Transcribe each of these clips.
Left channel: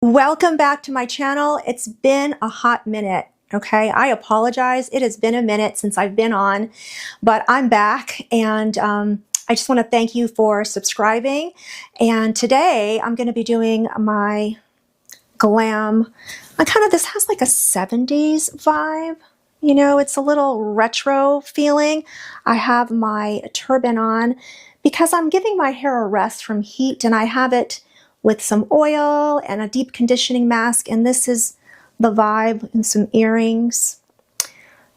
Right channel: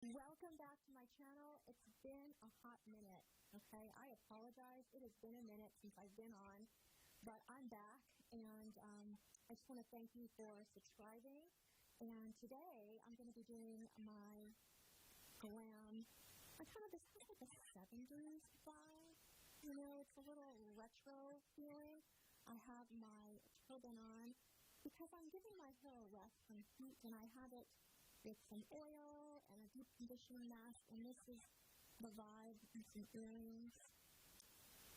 Welcome back to my channel. It's been a hot minute, okay? I apologize. It has been a minute since I've been on, but I'm back and I just want to thank you for subscribing. And today I'm going to be doing my glam. This has like a 70s vibe. You know, it's a little retro feeling. I have my turban on because I'm giving my hair a rest from heat, and I have it with some oil and a deep conditioning mask, and this is the vibe, and some earrings.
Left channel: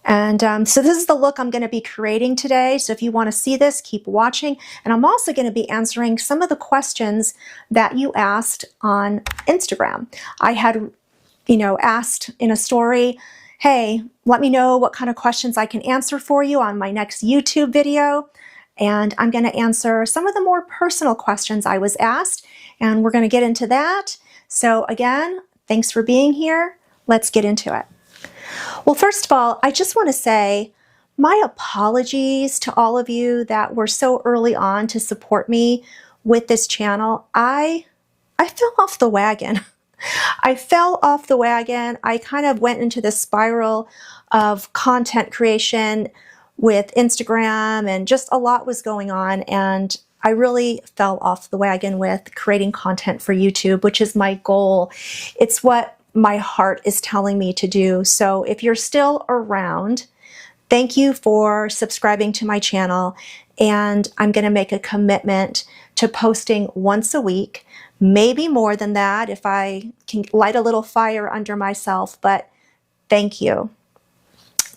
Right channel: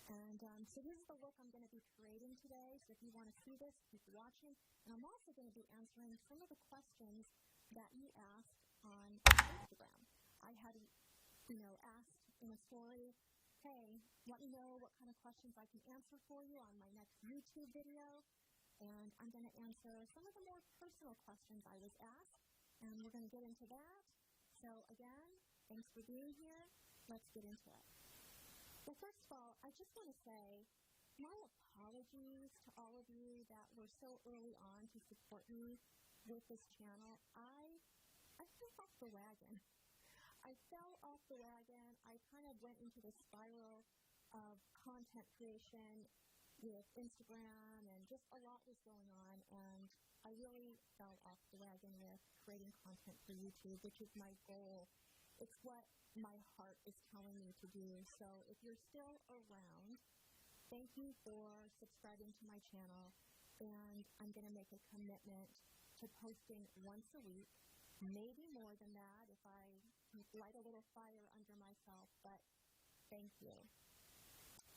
And so this is the look I'm going to be creating today. So if you want to see this, keep watching. And I'm also going to be answering some of the questions that you asked on Instagram. I had, asked in a story, hey, let me know what kind of questions I can answer for you on my next YouTube video. And I'm going to answer some of the more personal questions I was asked, and we're going to get into that. So again, thanks for being here. Let's get into it. Well, first of all, I just want to say my apologies to all of you that were so early on to support me with this channel. I fell off the wagon. I fell off the wagon. I kind of went into this spiral of content creation with Instagram, and just a lot was going on, and I really fell off the wagon with creating content for YouTube, which is my goal. It's what my heart is telling me to do. So if you're still around, thank you for subscribing to my channel, and I'm going to make a commitment to posting once a week, maybe more than that if I can light a little fire under myself, but thank you.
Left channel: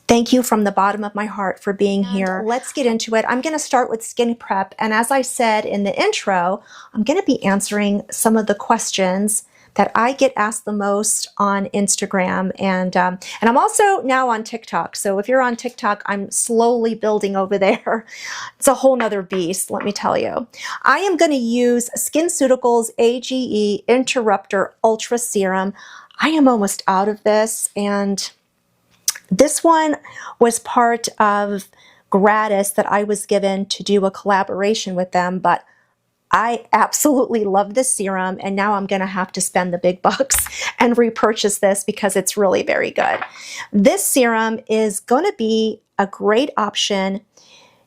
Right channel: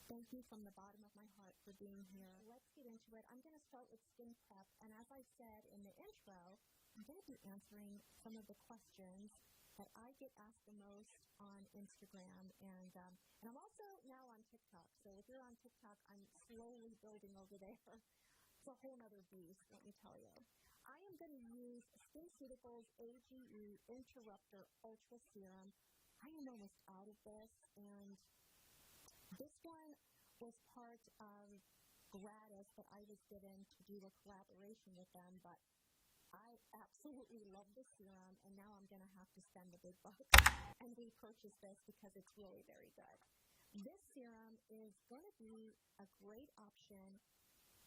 Thank you from the bottom of my heart for being here. Let's get into it. I'm going to start with skin prep. And as I said in the intro, I'm going to be answering some of the questions that I get asked the most on Instagram. And I'm also now on TikTok. So if you're on TikTok, I'm slowly building over there. It's a whole nother beast, let me tell you. I am going to use SkinCeuticals AGE Interrupter Ultra Serum. I am almost out of this, and this one was part of gratis that I was given to do a collaboration with them, but I absolutely love this serum, and now I'm going to have to spend the big bucks and repurchase this because it's really very good. This serum is going to be a great option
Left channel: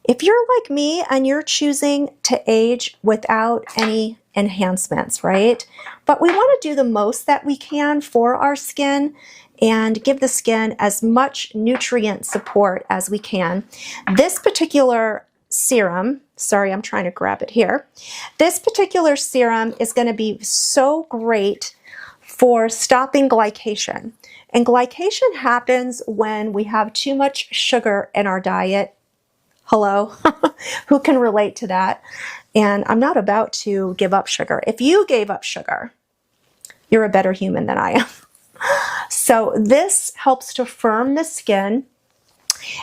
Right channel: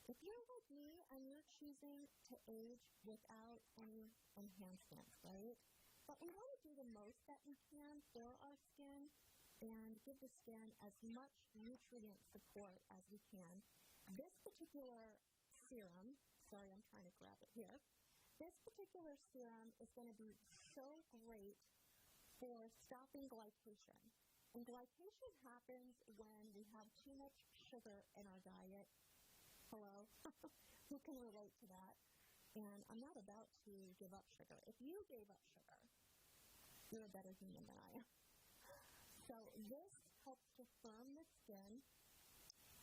if you're like me and you're choosing to age without any enhancements, right? But we want to do the most that we can for our skin and give the skin as much nutrient support as we can. This particular serum, sorry, I'm trying to grab it here. This particular serum is going to be so great for stopping glycation. And glycation happens when we have too much sugar in our diet. Hello, who can relate to that? And I'm not about to give up sugar. If you gave up sugar, you're a better human than I am. So this helps to firm the skin.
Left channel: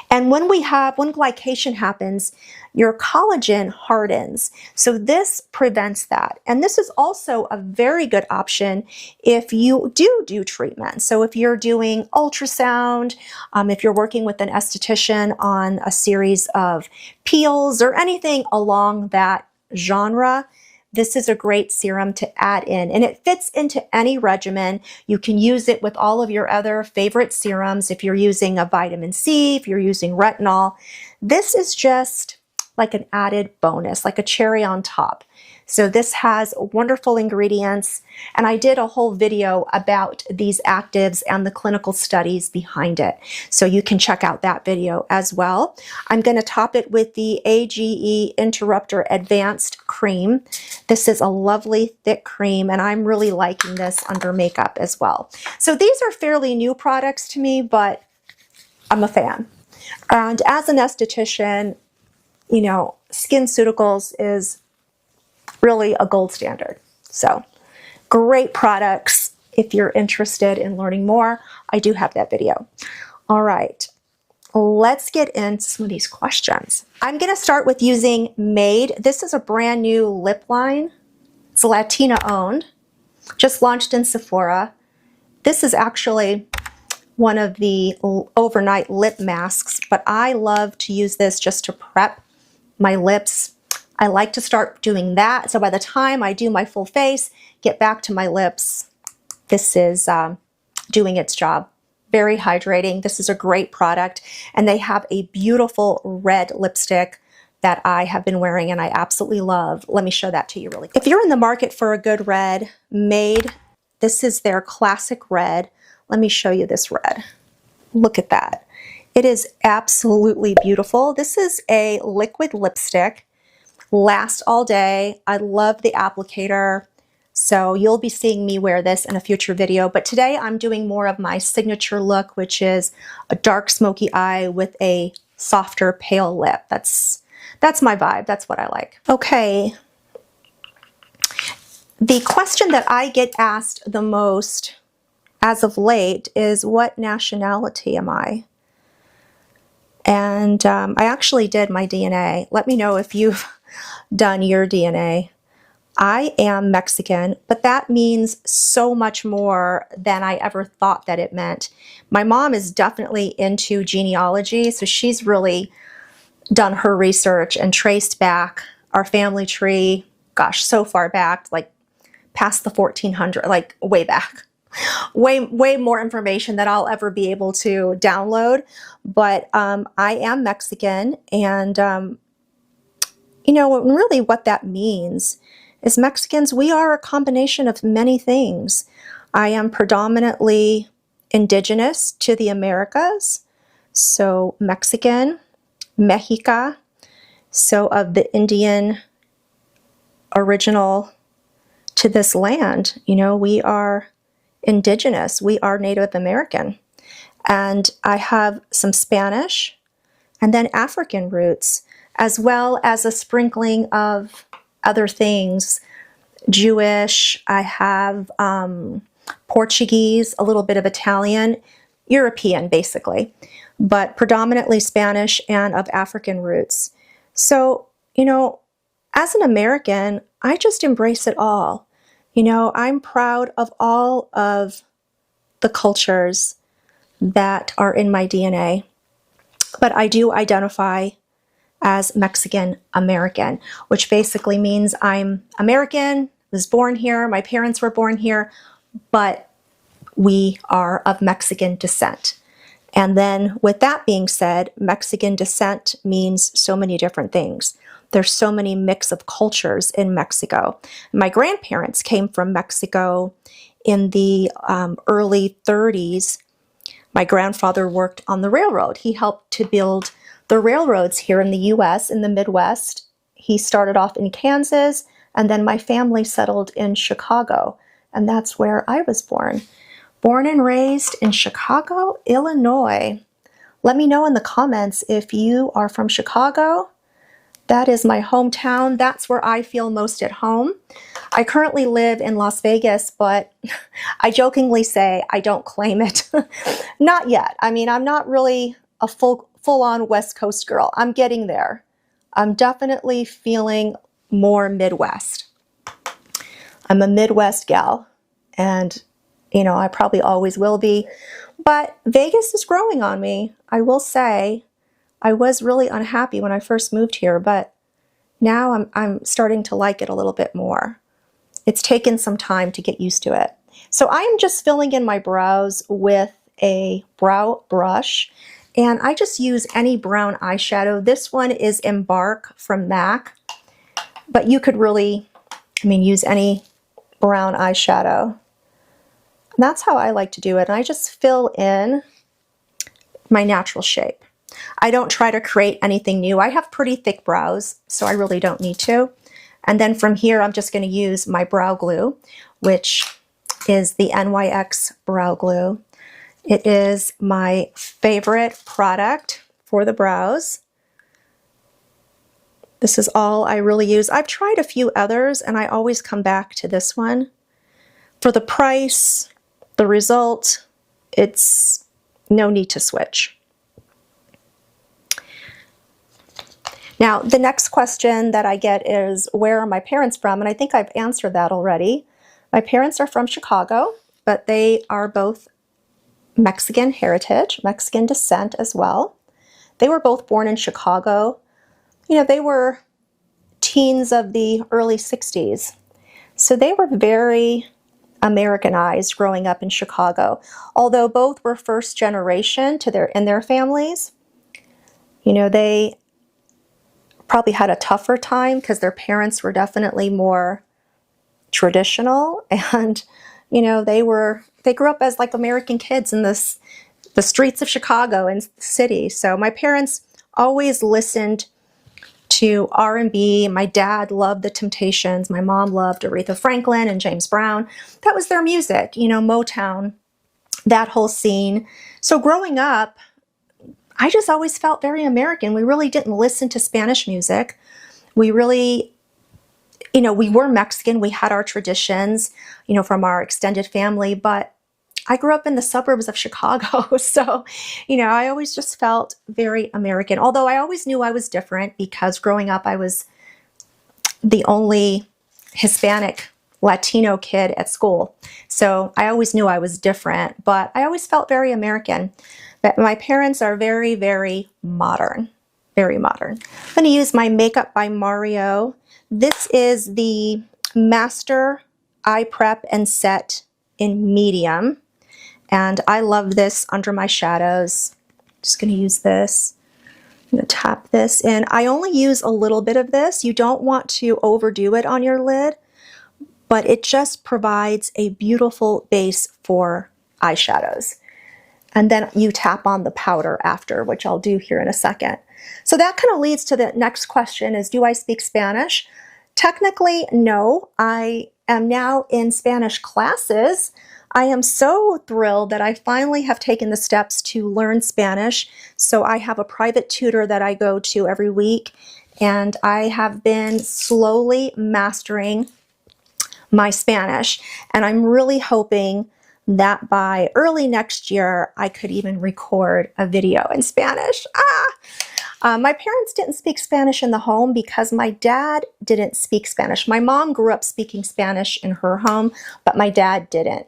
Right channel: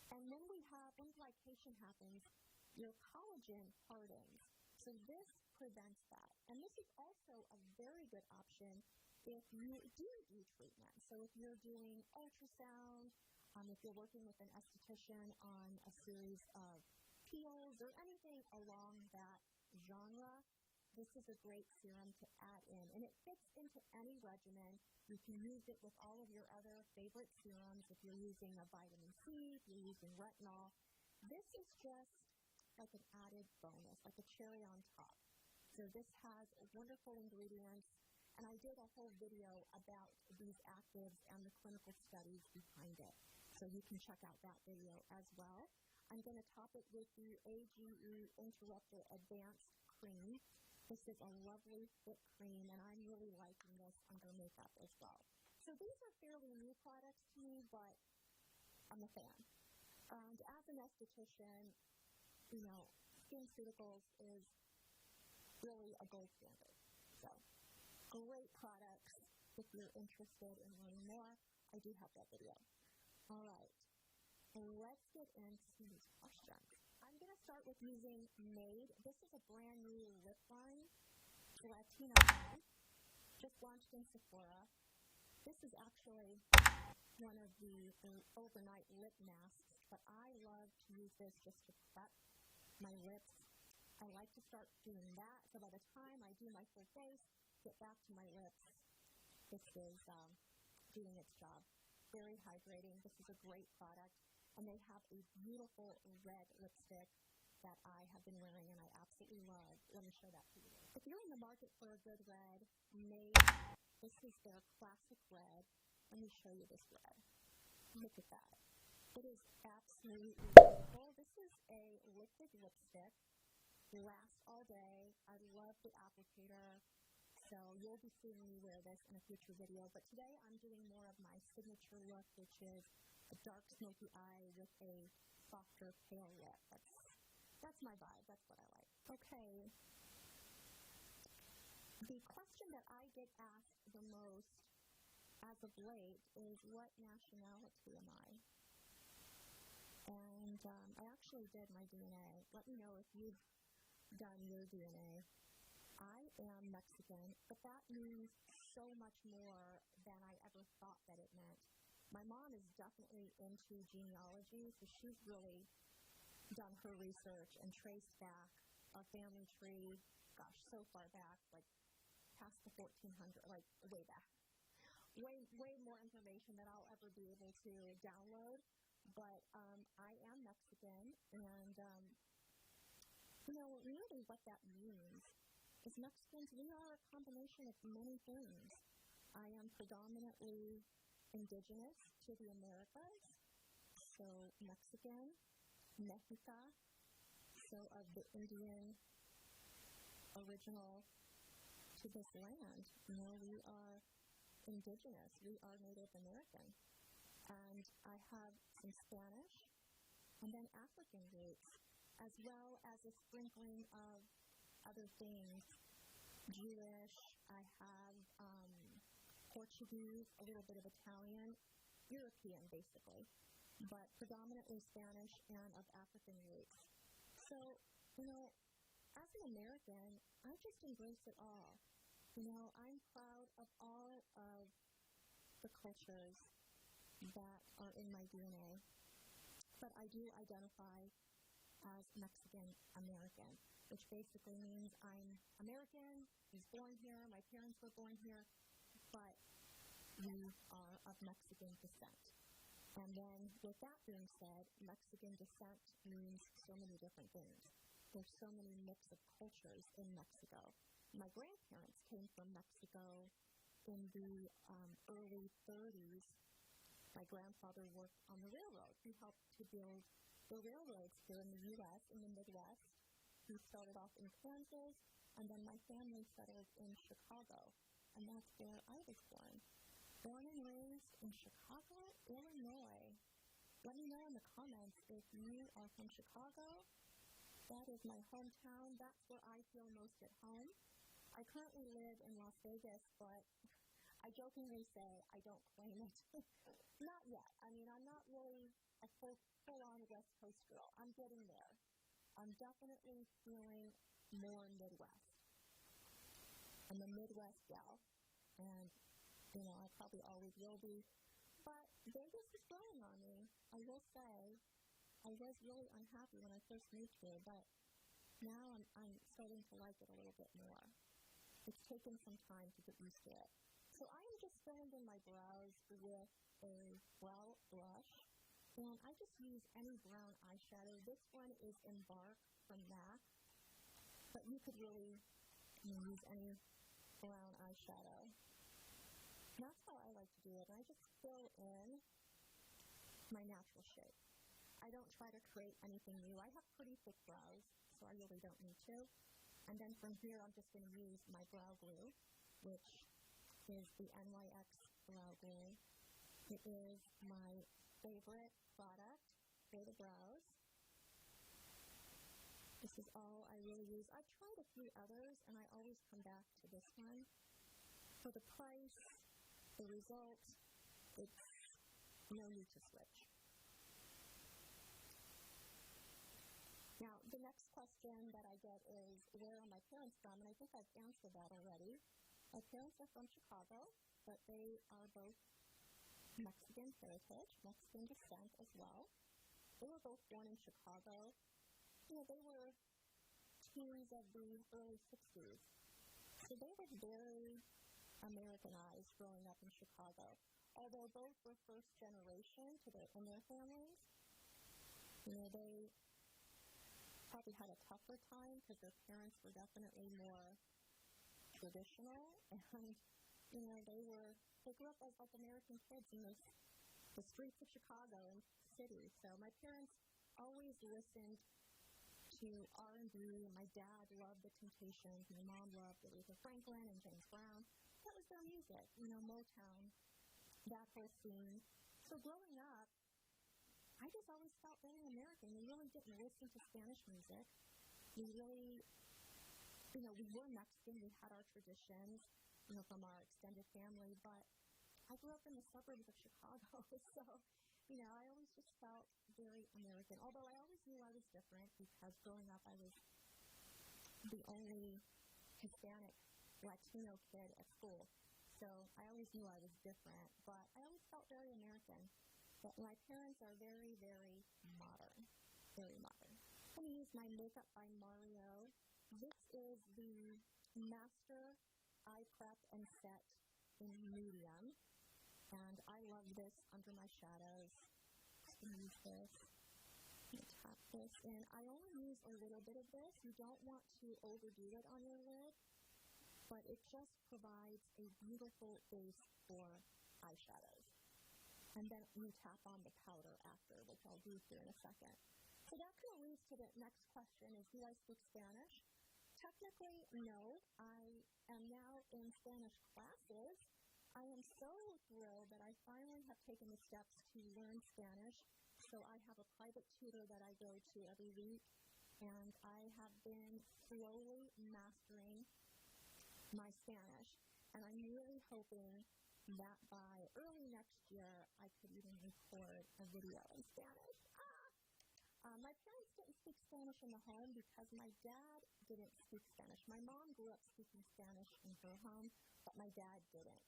And when glycation happens, your collagen hardens. So this prevents that. And this is also a very good option if you do treatment. So if you're doing ultrasound, if you're working with an esthetician on a series of peels or anything along that genre, this is a great serum to add in, and it fits into any regimen. You can use it with all of your other favorite serums. If you're using a vitamin C, if you're using retinol, this is just like an added bonus, like a cherry on top. So this has wonderful ingredients, and I did a whole video about these actives and the clinical studies behind it. So you can check out that video as well. I'm going to top it with the AGE Interrupter Advanced Cream. This is a lovely thick cream, and I'm really liking this under makeup as well. So these are fairly new products to me, but I'm a fan. And as an esthetician, SkinCeuticals is really a gold standard. So great products. If you're interested in learning more, I do have that video. All right, let's get into some of these questions. I'm going to start with using Made. This is a brand new lip line. It's Latina owned, just launched in Sephora. This is actually one of the overnight lip masks, but I love to use this just to prep my lips. I like to start doing that, so by the time I do my full face, get back to my lips, this is doing its job. Very hydrating. This is a great product, and they have a beautiful red lipstick that I have been wearing and I absolutely love. Let me show that to you really quick. If you're in the market for a good red, Made, this is their classic red. Let me show you this red. Look at that. It is absolutely beautiful. This is a liquid lipstick, lasts all day. I love the applicator. So you'll be seeing me wear this in a future video, but today I'm doing more of my signature look, which is a dark smoky eye with a softer pale lip. That's my vibe. That's what I like. Okay. The question that I get asked the most as of late is, what nationality am I? And I actually did my DNA. Let me know if you've done your DNA. I am Mexican, but that means so much more than I ever thought that it meant. My mom is definitely into genealogy, so she's really done her research and traced back our family tree, gosh, so far back, like past the 1400, like way back. Way more information that I'll ever be able to download. But I am Mexican, and you know, really what that means is Mexicans, we are a combination of many things. I am predominantly indigenous to the Americas, so Mexican, Mexica, so of the Indian original to this land. You know, we are indigenous, we are Native American. And I have some Spanish and then African roots, as well as a sprinkling of other things. Jewish, I have Portuguese, a little bit of Italian, European basically, but predominantly Spanish and of African roots. So, you know, as an American, I just embrace it all. You know, I'm proud of all of the cultures that are in my DNA, but I do identify as Mexican American, which basically means I'm American, was born here, my parents were born here, but we are of Mexican descent. And then with that being said, Mexican descent means so many different things. There's so many mix of cultures in Mexico. My grandparents came from Mexico in the early 30s. My grandfather worked on the railroad. He helped to build the railroads here in the US, in the Midwest. He started off in Kansas, and then my family settled in Chicago, and that's where I was born. Born and raised in Chicago, Illinois. Let me know in the comments if you are from Chicago. That is my hometown. That's where I feel most at home. I currently live in Las Vegas, but I jokingly say I don't claim it. Not yet. I mean, I'm not really a full-on West Coast girl. I'm getting there. I'm definitely feeling more Midwest. I'm a Midwest gal, and you know, I probably always will be, but Vegas is growing on me. I will say I was really unhappy when I first moved here, but now I'm starting to like it a little bit more. It's taken some time to get used to it. So I am just filling in my brows with a brow brush, and I just use any brown eyeshadow. This one is Embark from MAC, but you could really, I mean, use any brown eyeshadow. And that's how I like to do it. And I just fill in my natural shape. I don't try to create anything new. I have pretty thick brows, so I really don't need to. And then from here, I'm just going to use my brow glue, which is the NYX brow glue. It is my favorite product for the brows. This is all I really use. I've tried a few others, and I always come back to this one. For the price, the result, it's no need to switch. Now, the next question that I get is, where are my parents from? And I think I've answered that already. My parents are from Chicago, but they are both Mexican heritage, Mexican descent as well. They were both born in Chicago. You know, they were teens of the early 60s. So they were very Americanized growing up in Chicago. Although both were first generation in their families, you know, they probably had a tougher time because their parents were definitely more traditional, and you know, they grew up as like American kids in the streets of Chicago and the city. So my parents always listened to R&B. My dad loved the Temptations. My mom loved Aretha Franklin and James Brown. That was their music, you know, Motown, that whole scene. So growing up, I just always felt very American. We really didn't listen to Spanish music. We really, you know, we were Mexican. We had our traditions, you know, from our extended family, but I grew up in the suburbs of Chicago. So, you know, I always just felt very American, although I always knew I was different because growing up, I was the only Hispanic Latino kid at school. So I always knew I was different, but I always felt very American. But my parents are very, very modern, very modern. I'm going to use my Makeup by Mario. This is the Master Eye Prep and Set in medium. And I love this under my shadows. Just going to use this. I'm going to tap this in. I only use a little bit of this. You don't want to overdo it on your lid, but it just provides a beautiful base for eyeshadows. And then you tap on the powder after, which I'll do here in a second. So that kind of leads to the next question is, do I speak Spanish? Technically, no. I am now in Spanish classes. I am so thrilled that I finally have taken the steps to learn Spanish. So I have a private tutor that I go to every week, and I have been slowly mastering my Spanish. And I'm really hoping that by early next year, I could even record a video in Spanish. My parents didn't speak Spanish in the home because my dad didn't speak Spanish. My mom grew up speaking Spanish in her home, but my dad didn't.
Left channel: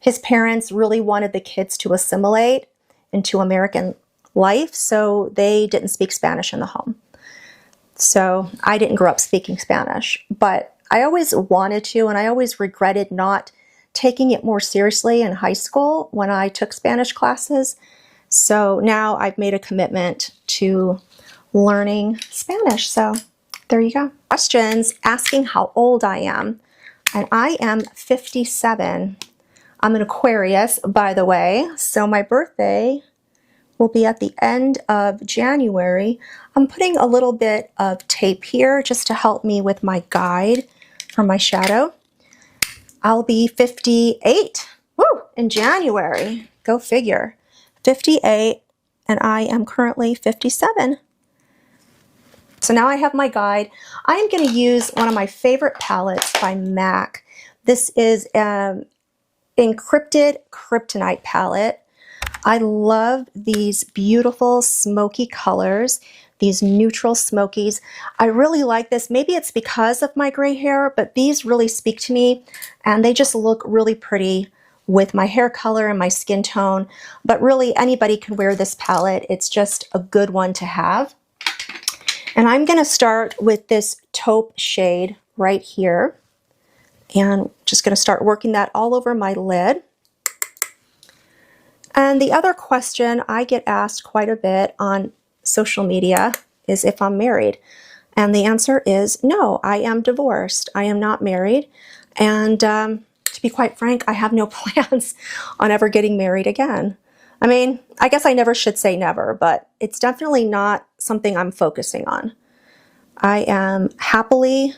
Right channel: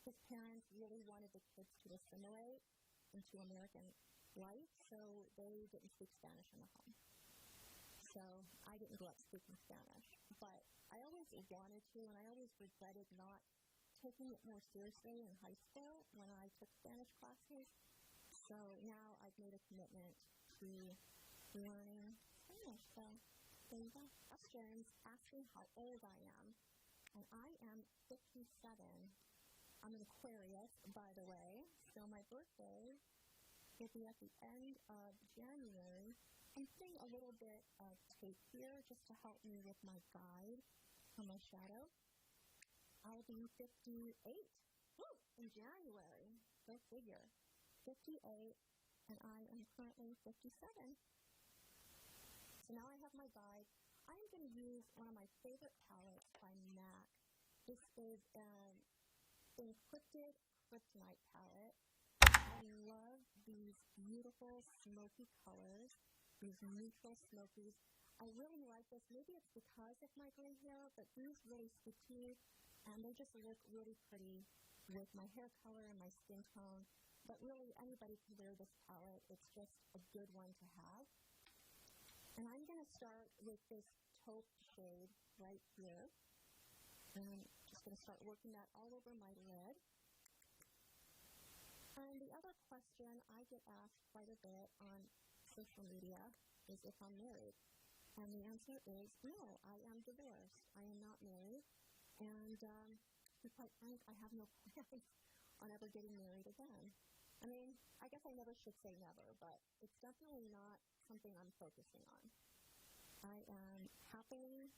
His parents really wanted the kids to assimilate into American life, so they didn't speak Spanish in the home. So I didn't grow up speaking Spanish, but I always wanted to, and I always regretted not taking it more seriously in high school when I took Spanish classes. So now I've made a commitment to learning Spanish. So there you go. Questions asking how old I am. And I am 57. I'm an Aquarius, by the way. So my birthday will be at the end of January. I'm putting a little bit of tape here just to help me with my guide for my shadow. I'll be 58 in January. Go figure. 58, and I am currently 57. So now I have my guide. I am going to use one of my favorite palettes by MAC. This is an Encrypted Kryptonite palette. I love these beautiful smoky colors, these neutral smokies. I really like this. Maybe it's because of my gray hair, but these really speak to me, and they just look really pretty with my hair color and my skin tone. But really, anybody can wear this palette. It's just a good one to have. And I'm going to start with this taupe shade right here, and just going to start working that all over my lid. And the other question I get asked quite a bit on social media is if I'm married. And the answer is no, I am divorced. I am not married. And to be quite frank, I have no plans on ever getting married again. I mean, I guess I never should say never, but it's definitely not something I'm focusing on. I am happily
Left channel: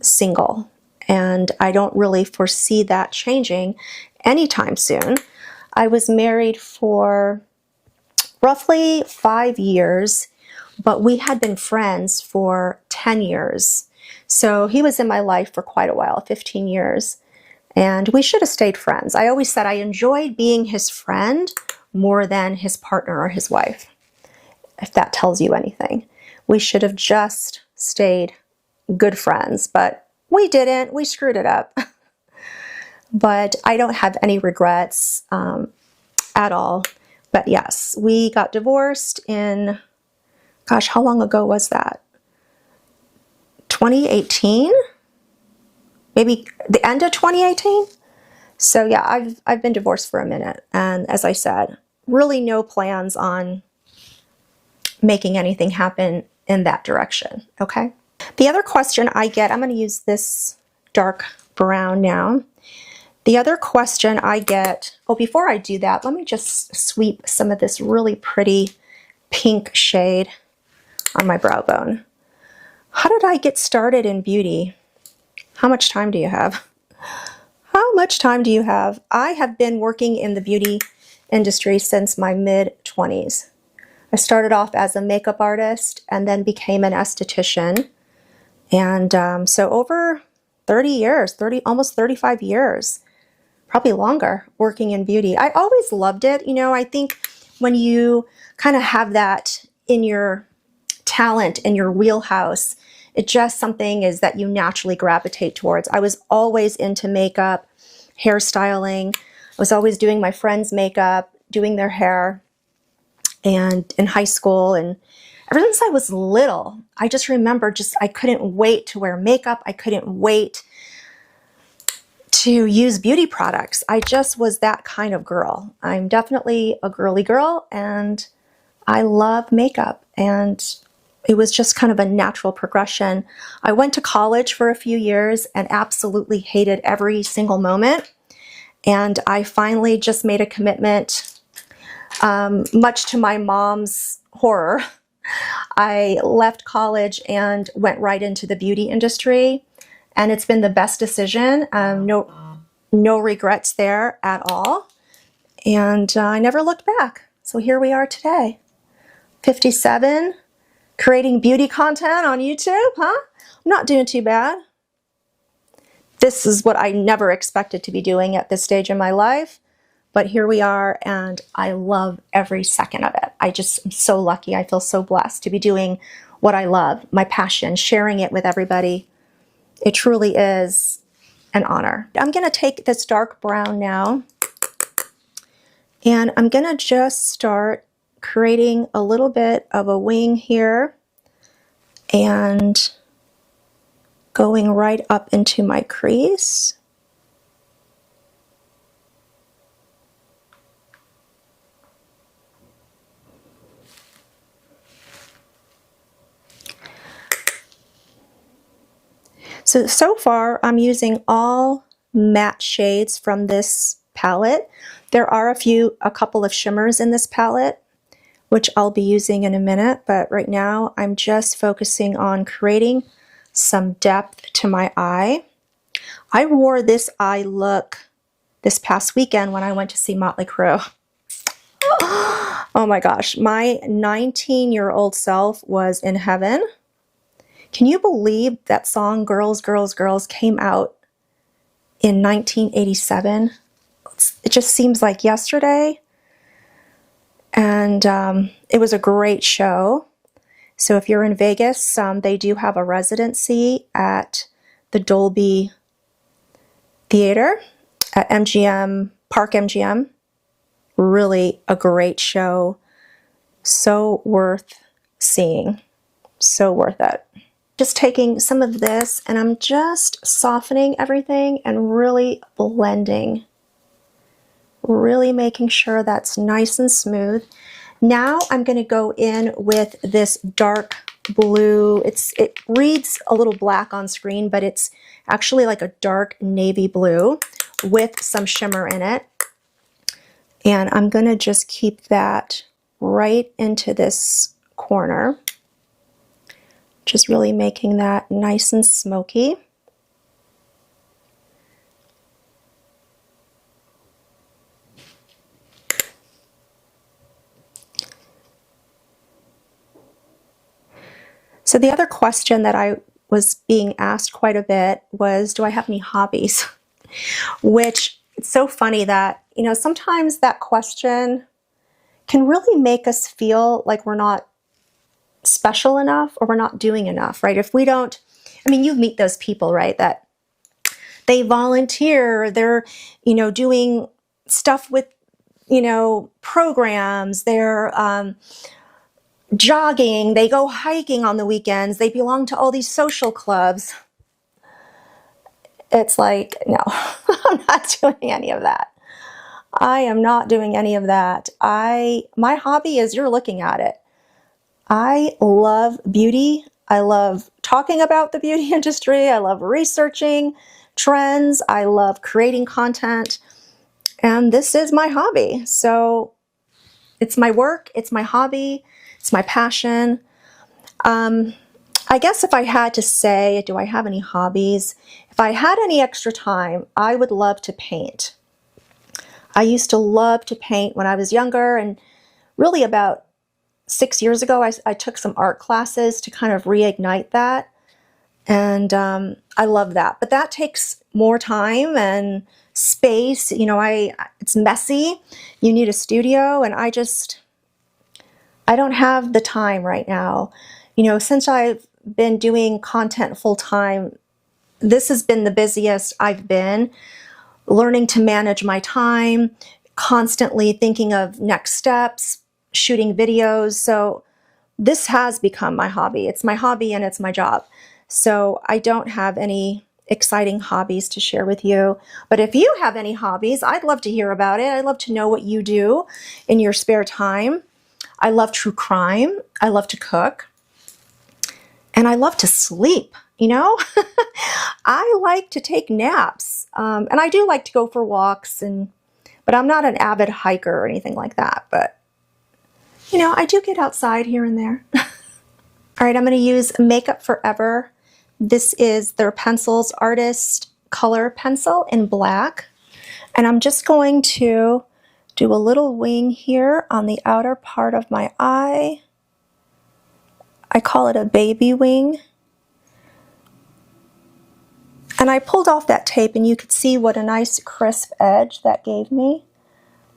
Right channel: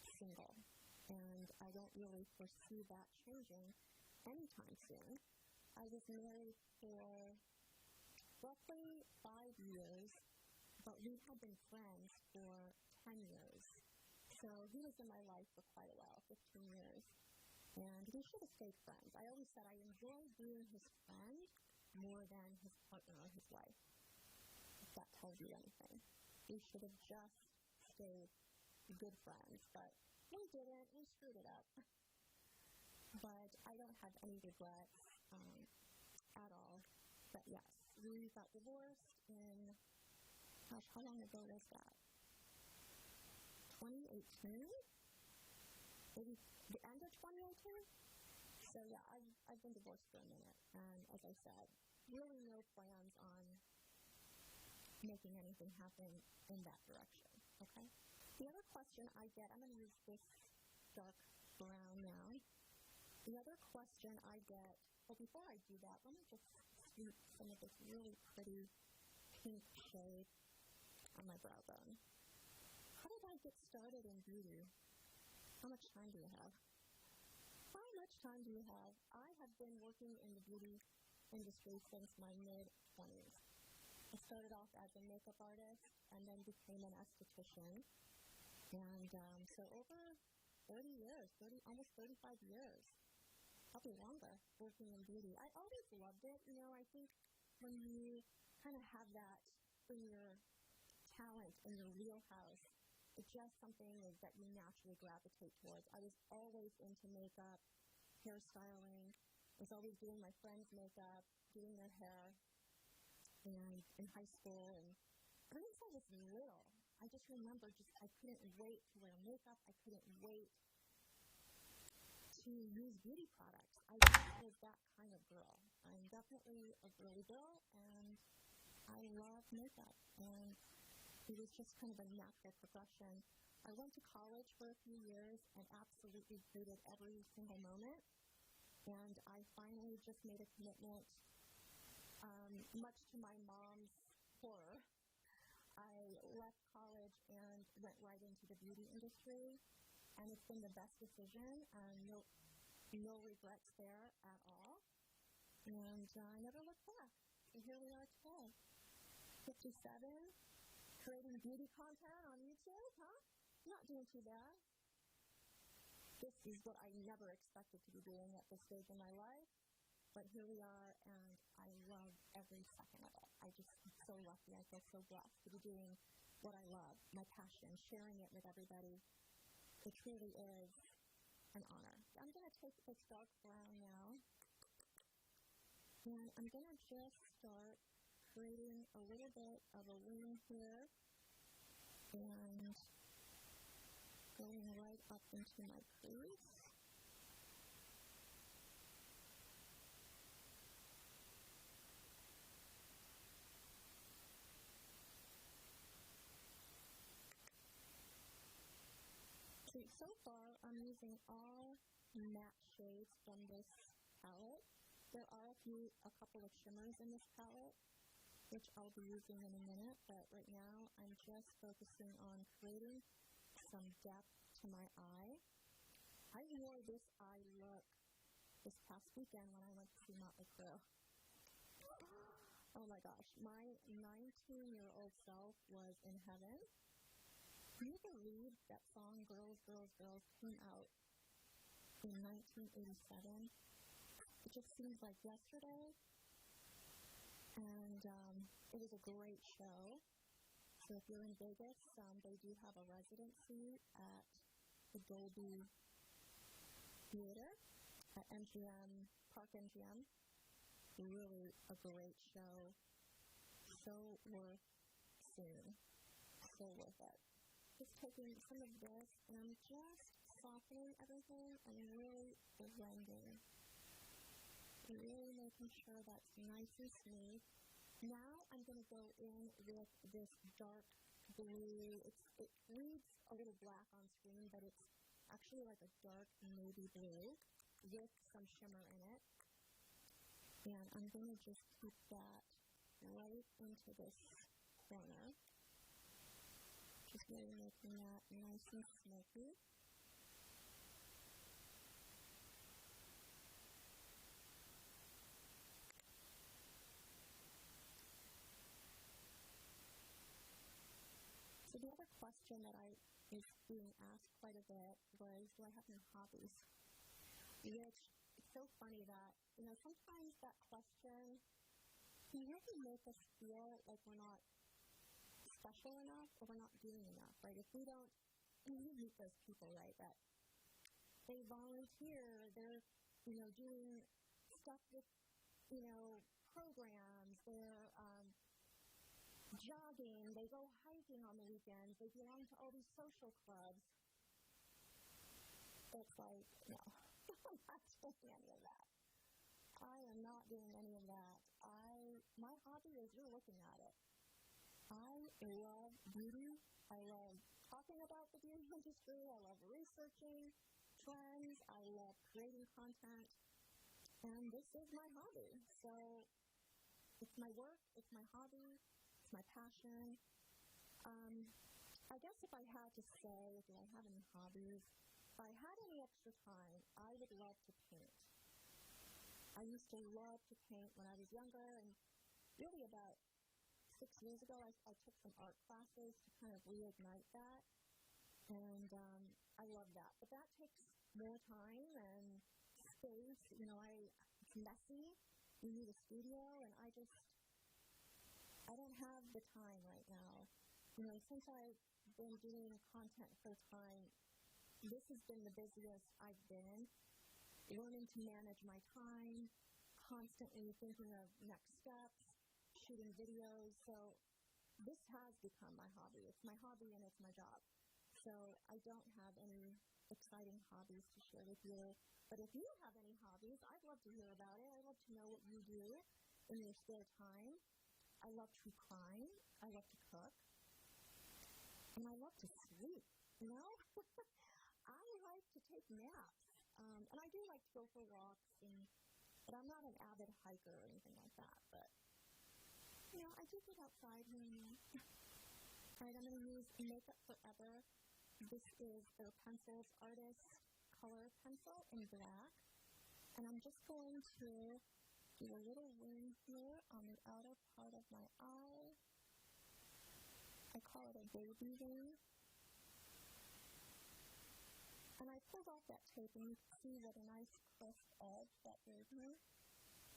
single, and I don't really foresee that changing anytime soon. I was married for roughly 5 years, but we had been friends for 10 years. So he was in my life for quite a while, 15 years, and we should have stayed friends. I always said I enjoyed being his friend more than his partner or his wife, if that tells you anything. We should have just stayed good friends, but we didn't. We screwed it up. But I don't have any regrets at all. But yes, we got divorced in, gosh, how long ago was that? 2018? Maybe the end of 2018? So yeah, I've been divorced for a minute, and as I said, really no plans on making anything happen in that direction, okay? The other question I get, I'm going to use this dark brown now. The other question I get, oh, before I do that, let me just sweep some of this really pretty pink shade on my brow bone. How did I get started in beauty? How much time do you have? How much time do you have? I have been working in the beauty industry since my mid-20s. I started off as a makeup artist and then became an esthetician. And so over 30 years, almost 35 years, probably longer, working in beauty. I always loved it. You know, I think when you kind of have that in your talent, in your wheelhouse, it just something is that you naturally gravitate towards. I was always into makeup, hairstyling. I was always doing my friends' makeup, doing their hair, and in high school. And ever since I was little, I just remember I couldn't wait to wear makeup. I couldn't wait to use beauty products. I just was that kind of girl. I'm definitely a girly girl, and I love makeup, and it was just kind of a natural progression. I went to college for a few years and absolutely hated every single moment. And I finally just made a commitment, much to my mom's horror. I left college and went right into the beauty industry, and it's been the best decision. No regrets there at all. And I never looked back. So here we are today, 57, creating beauty content on YouTube, huh? I'm not doing too bad. This is what I never expected to be doing at this stage in my life, but here we are, and I love every second of it. I just am so lucky. I feel so blessed to be doing what I love, my passion, sharing it with everybody. It truly is an honor. I'm going to take this dark brown now, and I'm going to just start creating a little bit of a wing here and going right up into my crease. So far I'm using all matte shades from this palette. There are a couple of shimmers in this palette, which I'll be using in a minute, but right now I'm just focusing on creating some depth to my eye. I wore this eye look this past weekend when I went to see Motley Crue. Oh my gosh, my 19-year-old self was in heaven. Can you believe that song Girls, Girls, Girls came out in 1987? It just seems like yesterday. And it was a great show. So if you're in Vegas, they do have a residency at the Dolby Theater at MGM, Park MGM. Really a great show. So worth seeing. So worth it. Just taking some of this, and I'm just softening everything and really blending. Really making sure that's nice and smooth. Now I'm going to go in with this dark blue. It reads a little black on screen, but it's actually like a dark navy blue with some shimmer in it. And I'm going to just keep that right into this corner. Just really making that nice and smoky. So the other question that I was being asked quite a bit was, do I have any hobbies? Which, it's so funny that, you know, sometimes that question can really make us feel like we're not special enough or we're not doing enough, right? If we don't, I mean, you meet those people, right, that they volunteer, they're, you know, doing stuff with, you know, programs, they're jogging, they go hiking on the weekends, they belong to all these social clubs. it's like, no, I'm not doing any of that. I am not doing any of that. My hobby is, you're looking at it. I love beauty. I love talking about the beauty industry. I love researching trends. I love creating content. And this is my hobby. So it's my work, it's my hobby, it's my passion. I guess if I had to say, do I have any hobbies? If I had any extra time, I would love to paint. I used to love to paint when I was younger, and really about 6 years ago, I took some art classes to kind of reignite that. And I love that. But that takes more time and space. You know, it's messy. You need a studio, and I don't have the time right now. You know, since I've been doing content full time, this has been the busiest I've been. Learning to manage my time, constantly thinking of next steps, shooting videos. So this has become my hobby. It's my hobby and it's my job. So I don't have any exciting hobbies to share with you. But if you have any hobbies, I'd love to hear about it. I'd love to know what you do in your spare time. I love true crime. I love to cook. And I love to sleep, you know? I like to take naps. And I do like to go for walks, but I'm not an avid hiker or anything like that. But, you know, I do get outside here and there. All right, I'm going to use Makeup Forever. This is their Pencils Artist Color Pencil in black. And I'm just going to do a little wing here on the outer part of my eye. I call it a baby wing. And I pulled off that tape and you could see what a nice crisp edge that gave me.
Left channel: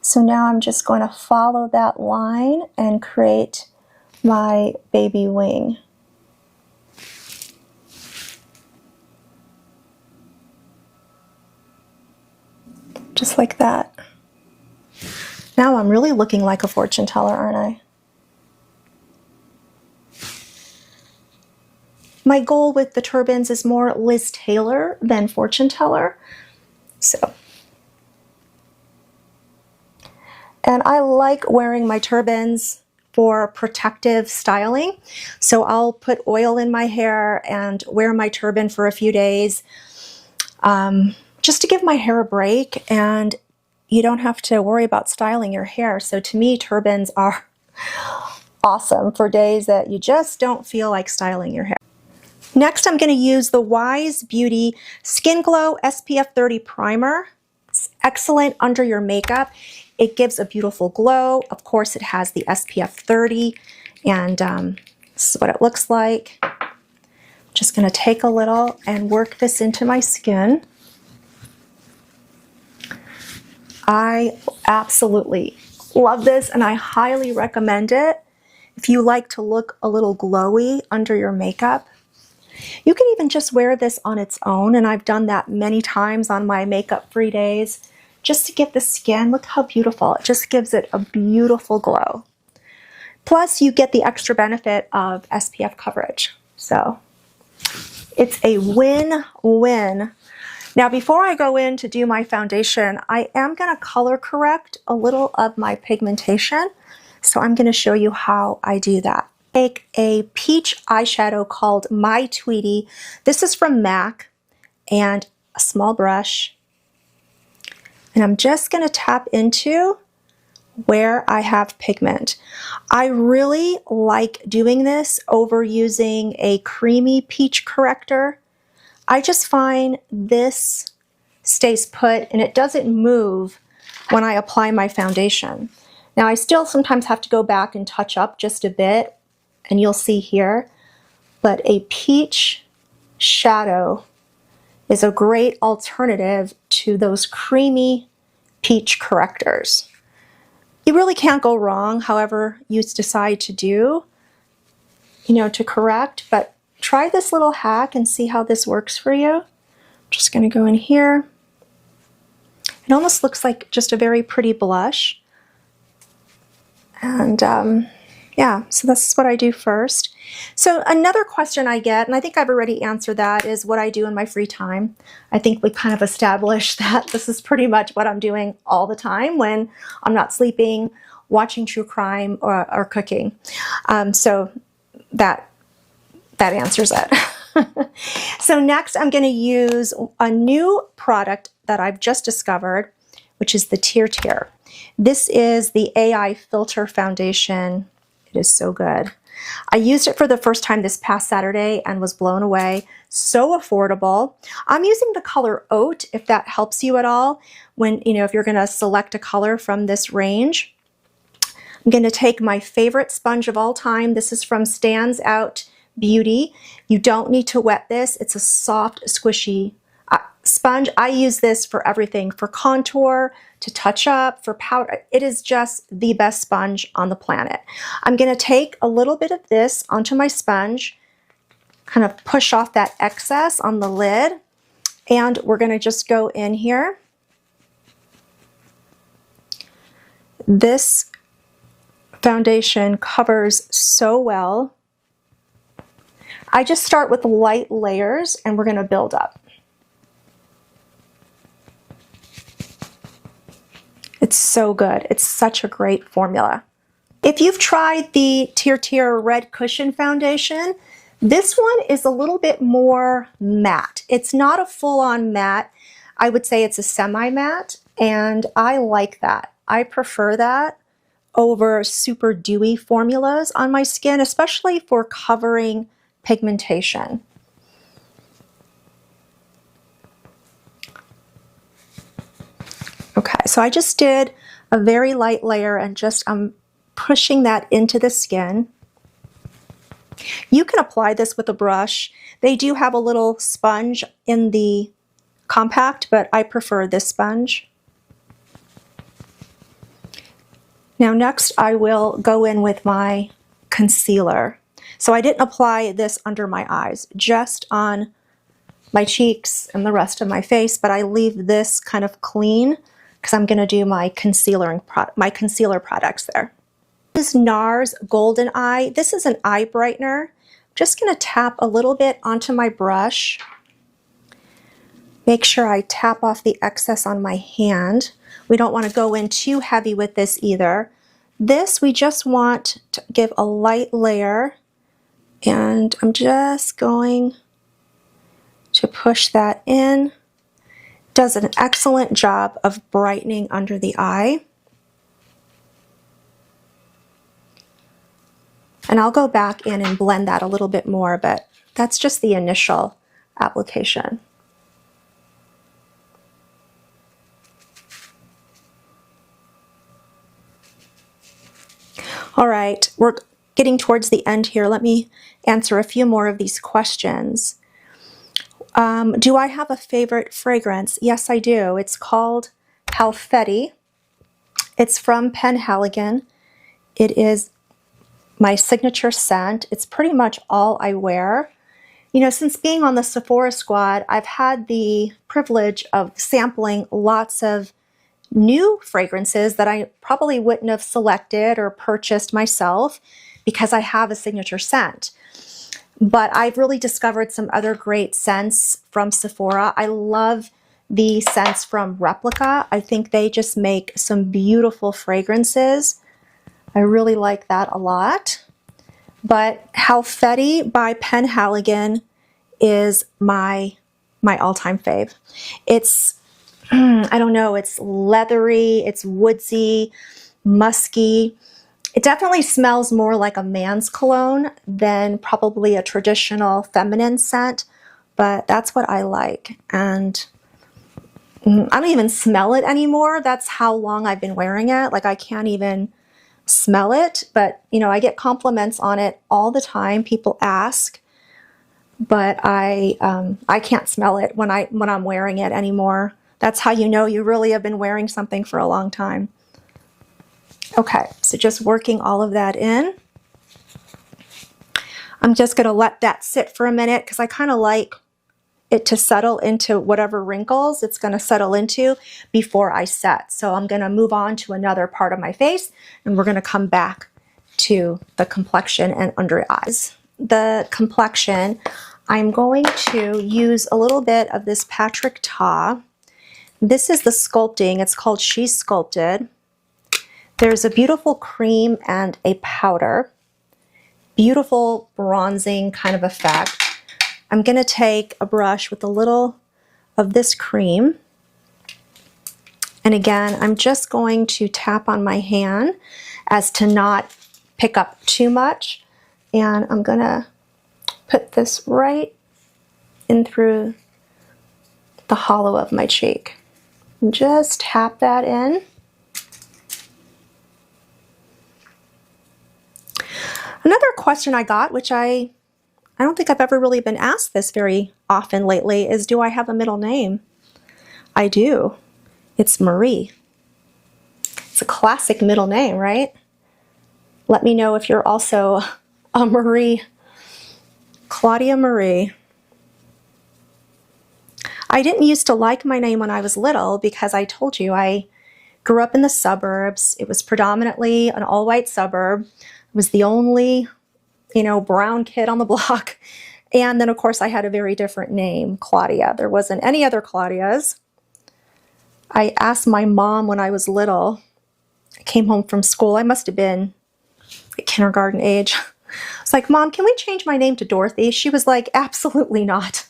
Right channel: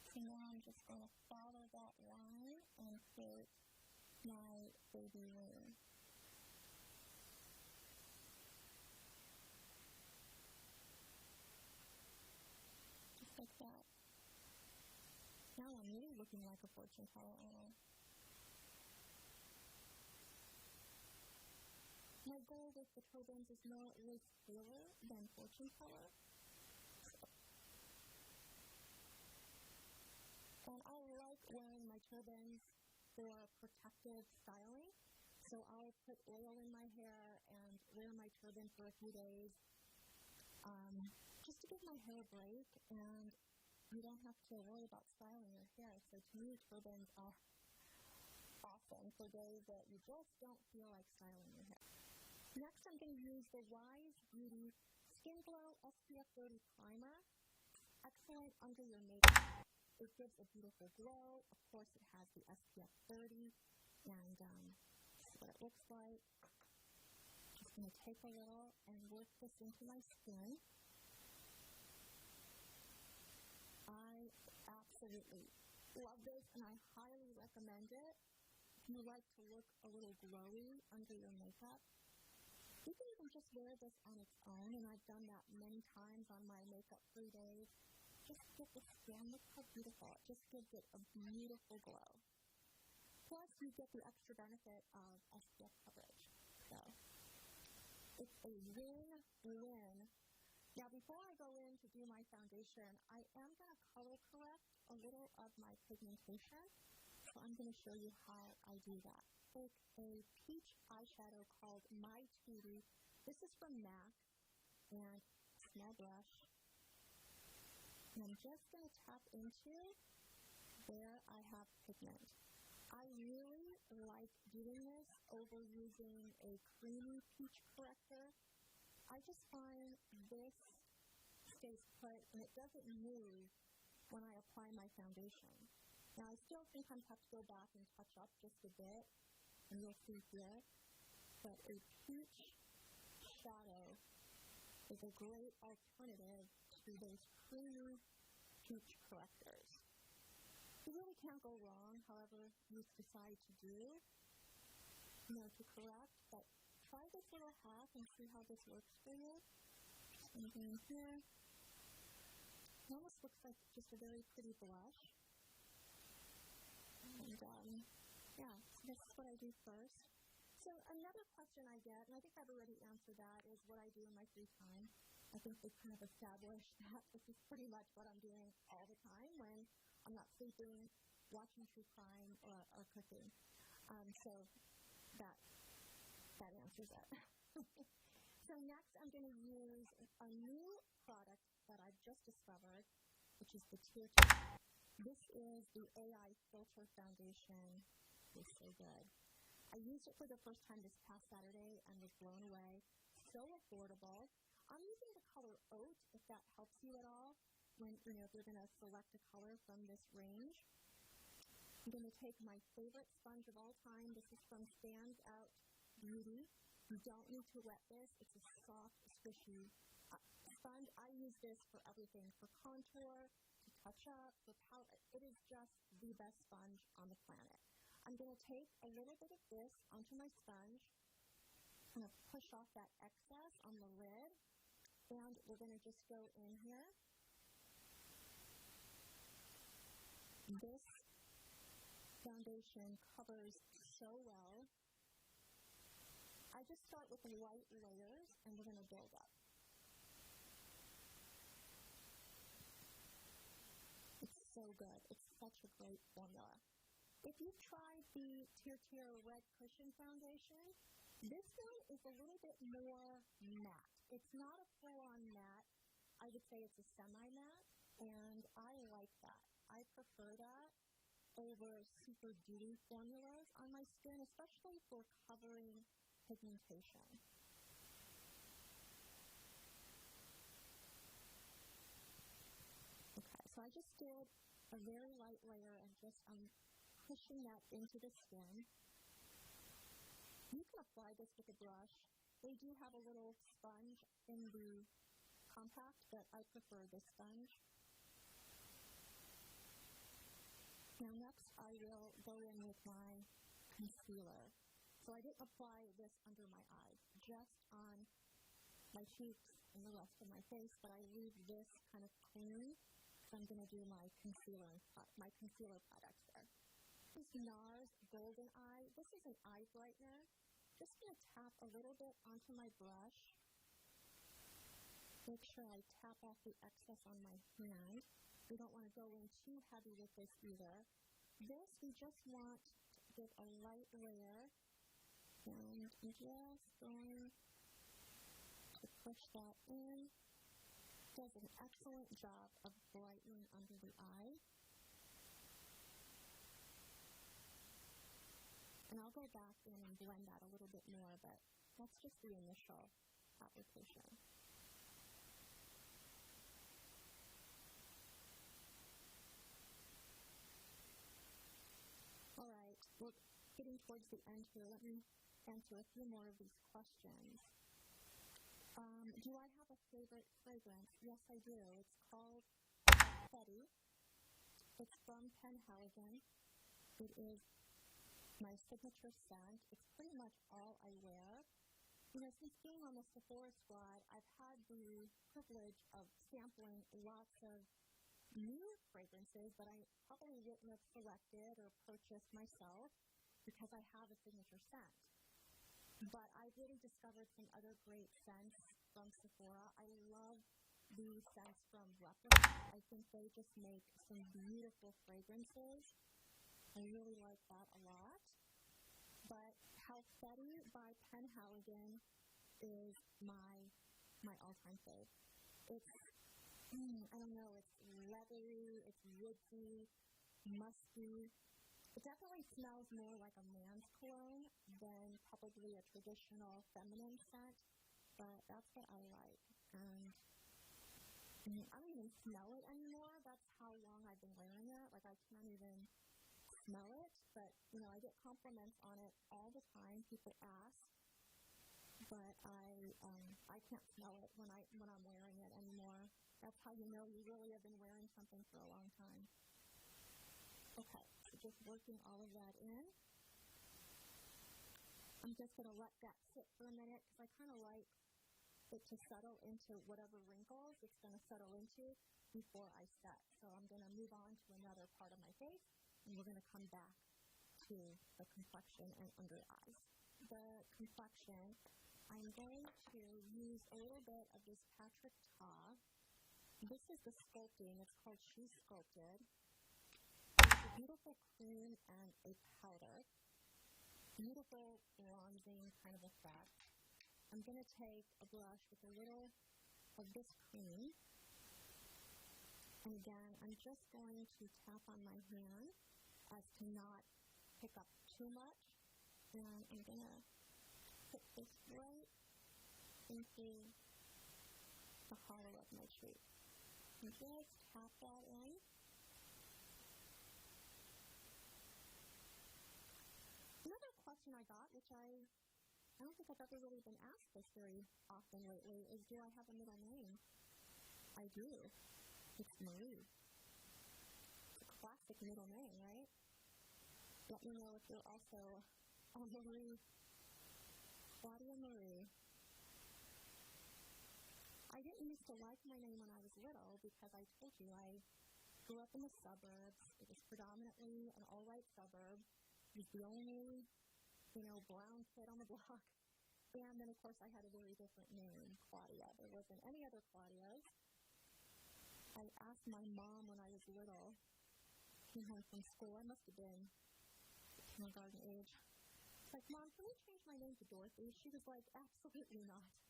So now I'm just going to follow that line and create my baby wing. Just like that. Now I'm really looking like a fortune teller, aren't I? My goal with the turbans is more Liz Taylor than fortune teller. So. And I like wearing my turbans for protective styling. So I'll put oil in my hair and wear my turban for a few days just to give my hair a break, and you don't have to worry about styling your hair. So to me, turbans are awesome for days that you just don't feel like styling your hair. Next, I'm going to use the Wise Beauty Skin Glow SPF 30 Primer. It's excellent under your makeup. It gives a beautiful glow. Of course, it has the SPF 30, and this is what it looks like. Just going to take a little and work this into my skin. I absolutely love this, and I highly recommend it if you like to look a little glowy under your makeup. You can even just wear this on its own, and I've done that many times on my makeup-free days, just to give the skin, look how beautiful. It just gives it a beautiful glow. Plus, you get the extra benefit of SPF coverage. So it's a win-win. Now, before I go in to do my foundation, I am going to color correct a little of my pigmentation. So I'm going to show you how I do that. Take a peach eyeshadow called My Tweety. This is from MAC, and a small brush. And I'm just going to tap into where I have pigment. I really like doing this over using a creamy peach corrector. I just find this stays put and it doesn't move when I apply my foundation. Now, I still sometimes have to go back and touch up just a bit, and you'll see here, but a peach shadow is a great alternative to those creamy peach correctors. You really can't go wrong, however you decide to do, to correct, but try this little hack and see how this works for you. Just going to go in here. It almost looks like just a very pretty blush. And Yeah, so this is what I do first. So another question I get, and I think I've already answered that, is what I do in my free time. I think we kind of established that this is pretty much what I'm doing all the time when I'm not sleeping, watching true crime, or cooking. So that answers it. So next I'm going to use a new product that I've just discovered, which is the Tear. This is the AI Filter Foundation. It is so good. I used it for the first time this past Saturday and was blown away. So affordable. I'm using the color Oat, if that helps you at all. When, if you're going to select a color from this range. I'm going to take my favorite sponge of all time. This is from Stands Out Beauty. You don't need to wet this. It's a soft, squishy sponge. I use this for everything, for contour, to touch up, for powder. It is just the best sponge on the planet. I'm going to take a little bit of this onto my sponge, kind of push off that excess on the lid, and we're going to just go in here. This foundation covers so well. I just start with light layers and we're going to build up. It's so good. It's such a great formula. If you've tried the Tear Red Cushion Foundation, this one is a little bit more matte. It's not a full-on matte. I would say it's a semi-matte, and I like that. I prefer that over super dewy formulas on my skin, especially for covering pigmentation. Okay, so I just did a very light layer and I'm pushing that into the skin. You can apply this with a brush. They do have a little sponge in the compact, but I prefer this sponge. Now next I will go in with my concealer. So I didn't apply this under my eyes, just on my cheeks and the rest of my face, but I leave this kind of clean because I'm going to do my concealer products there. This is NARS Golden Eye. This is an eye brightener. I'm just going to tap a little bit onto my brush. Make sure I tap off the excess on my hand. We don't want to go in too heavy with this either. This, we just want to give a light layer, and I'm just going to push that in. Does an excellent job of brightening under the eye. And I'll go back in and blend that a little bit more, but that's just the initial application. All right, we're getting towards the end here. Let me answer a few more of these questions. Do I have a favorite fragrance? Yes, I do. It's called Halfetti. It's from Penhaligon. It is my signature scent. It's pretty much all I wear. Since being on the Sephora squad, I've had the privilege of sampling lots of new fragrances that I probably wouldn't have selected or purchased myself because I have a signature scent. But I've really discovered some other great scents from Sephora. I love the scents from Replica. I think they just make some beautiful fragrances. I really like that a lot. But Halfetti by Penhaligon is my all-time fave. It's, I don't know, it's leathery, it's woodsy, musky. It definitely smells more like a man's cologne than probably a traditional feminine scent, but that's what I like. And I don't even smell it anymore. That's how long I've been wearing it. Like, I can't even smell it, but I get compliments on it all the time. People ask, but I can't smell it when I'm wearing it anymore. That's how you know you really have been wearing something for a long time. Okay, so just working all of that in. I'm just going to let that sit for a minute because I kind of like it to settle into whatever wrinkles it's going to settle into before I set. So I'm going to move on to another part of my face, and we're going to come back to the complexion and under eyes. The complexion, I'm going to use a little bit of this Patrick Ta. This is the sculpting. It's called She's Sculpted. There's a beautiful cream and a powder. Beautiful bronzing kind of effect. I'm going to take a brush with a little of this cream. And again, I'm just going to tap on my hand as to not pick up too much. And I'm going to put this right in through the hollow of my cheek. And just tap that in. Another question I got, which I don't think I've ever really been asked this very often lately, is do I have a middle name? I do. It's Marie. It's a classic middle name, right? Let me know if you're also a Marie. Claudia Marie. I didn't used to like my name when I was little because I told you I grew up in the suburbs. It was predominantly an all-white suburb. I was the only, brown kid on the block. And then, of course, I had a very different name, Claudia. There wasn't any other Claudias. I asked my mom when I was little. I came home from school. I must have been like kindergarten age. I was like, Mom, can we change my name to Dorothy? She was like, absolutely not.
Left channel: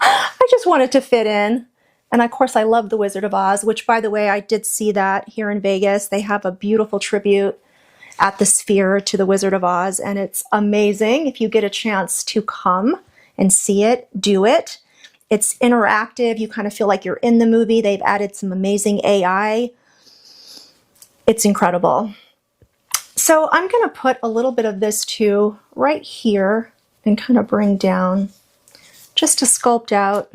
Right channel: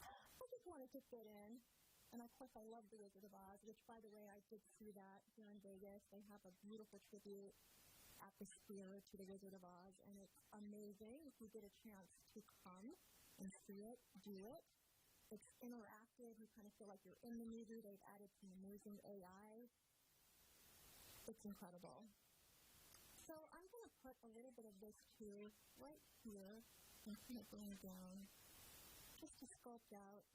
I just wanted to fit in. And of course, I love The Wizard of Oz, which, by the way, I did see that here in Vegas. They have a beautiful tribute at the Sphere to The Wizard of Oz, and it's amazing. If you get a chance to come and see it, do it. It's interactive. You kind of feel like you're in the movie. They've added some amazing AI. It's incredible. So I'm going to put a little bit of this too right here and kind of bring down just to sculpt out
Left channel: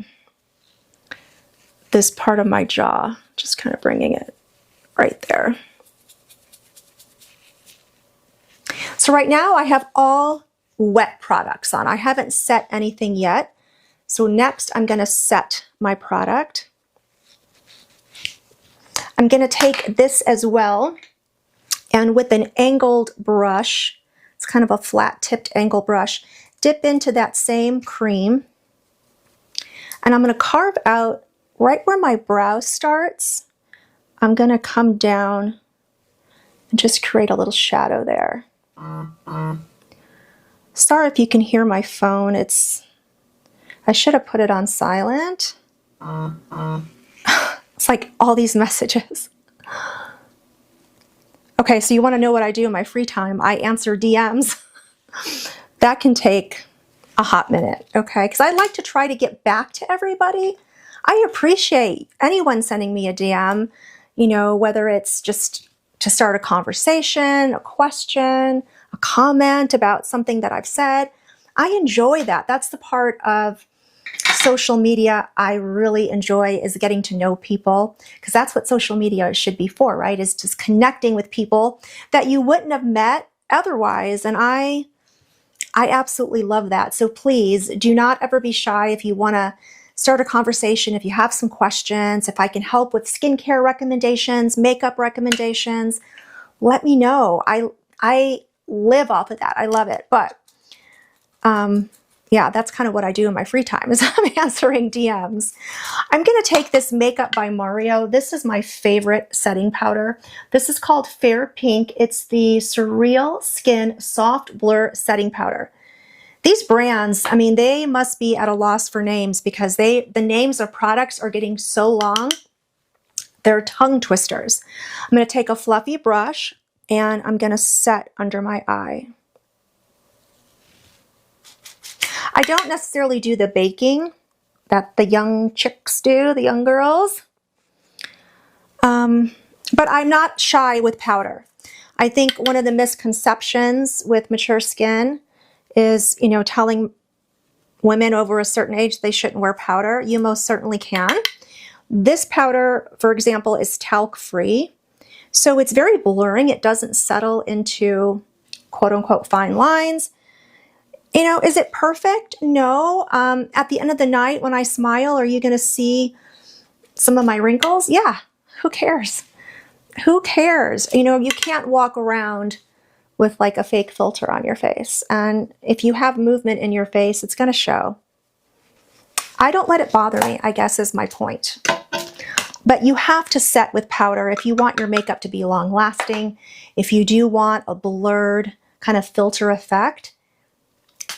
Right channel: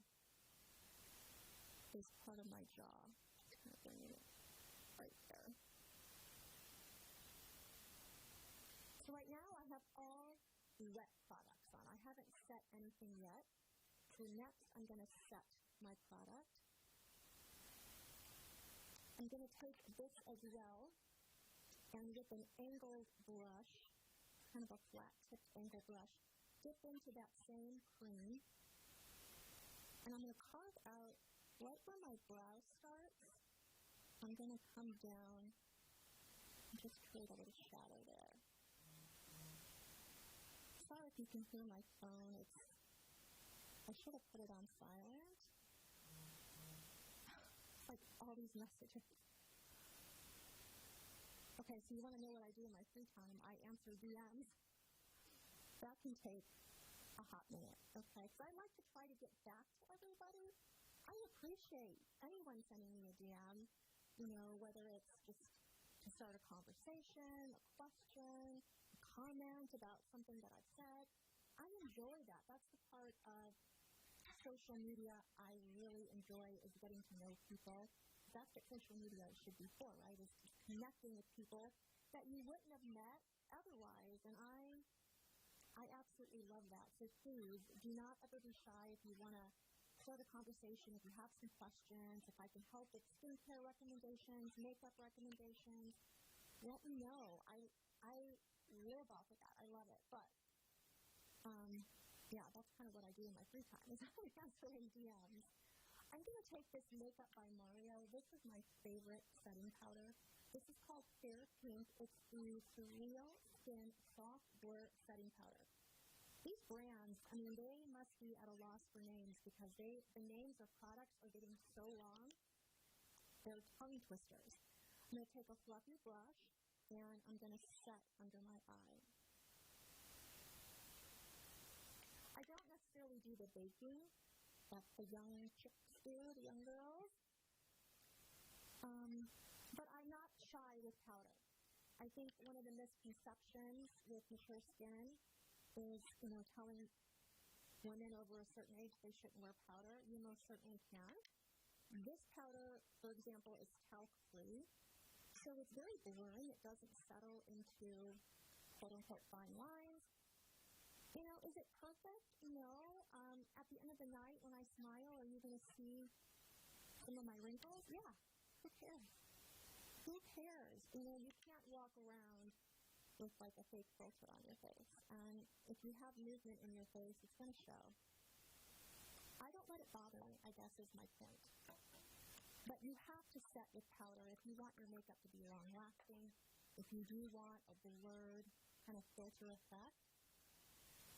this part of my jaw. Just kind of bringing it right there. So right now I have all wet products on. I haven't set anything yet. So next I'm going to set my product. I'm going to take this as well, and with an angled brush, it's kind of a flat tipped angle brush, dip into that same cream. And I'm going to carve out right where my brow starts. I'm going to come down and just create a little shadow there. Sorry if you can hear my phone. I should have put it on silent. It's like all these messages. Okay, so you want to know what I do in my free time. I answer DMs. That can take a hot minute, okay? Because I like to try to get back to everybody. I appreciate anyone sending me a DM, whether it's just to start a conversation, a question, a comment about something that I've said. I enjoy that. That's the part of social media I really enjoy, is getting to know people, because that's what social media should be for, right? Is just connecting with people that you wouldn't have met otherwise. And I absolutely love that. So please do not ever be shy if you want to start a conversation, if you have some questions, if I can help with skincare recommendations, makeup recommendations, let me know. I live off of that. I love it. But yeah, that's kind of what I do in my free time, is I'm answering DMs. I'm going to take this Makeup by Mario. This is my favorite setting powder. This is called Fair Pink. It's the Surreal Skin Soft Blur Setting Powder. These brands, I mean, they must be at a loss for names, because the names of products are getting so long. They're tongue twisters. I'm going to take a fluffy brush and I'm going to set under my eye. I don't necessarily do the baking that the young chicks do, the young girls. But I'm not shy with powder. I think one of the misconceptions with mature skin is, telling women over a certain age they shouldn't wear powder. You most certainly can. This powder, for example, is talc-free. So it's very blurring. It doesn't settle into quote-unquote fine lines. Is it perfect? No. At the end of the night when I smile, are you going to see some of my wrinkles? Yeah. Who cares? Who cares? You can't walk around with like a fake filter on your face. And if you have movement in your face, it's going to show. I don't let it bother me, I guess is my point. But you have to set with powder if you want your makeup to be long lasting. If you do want a blurred kind of filter effect,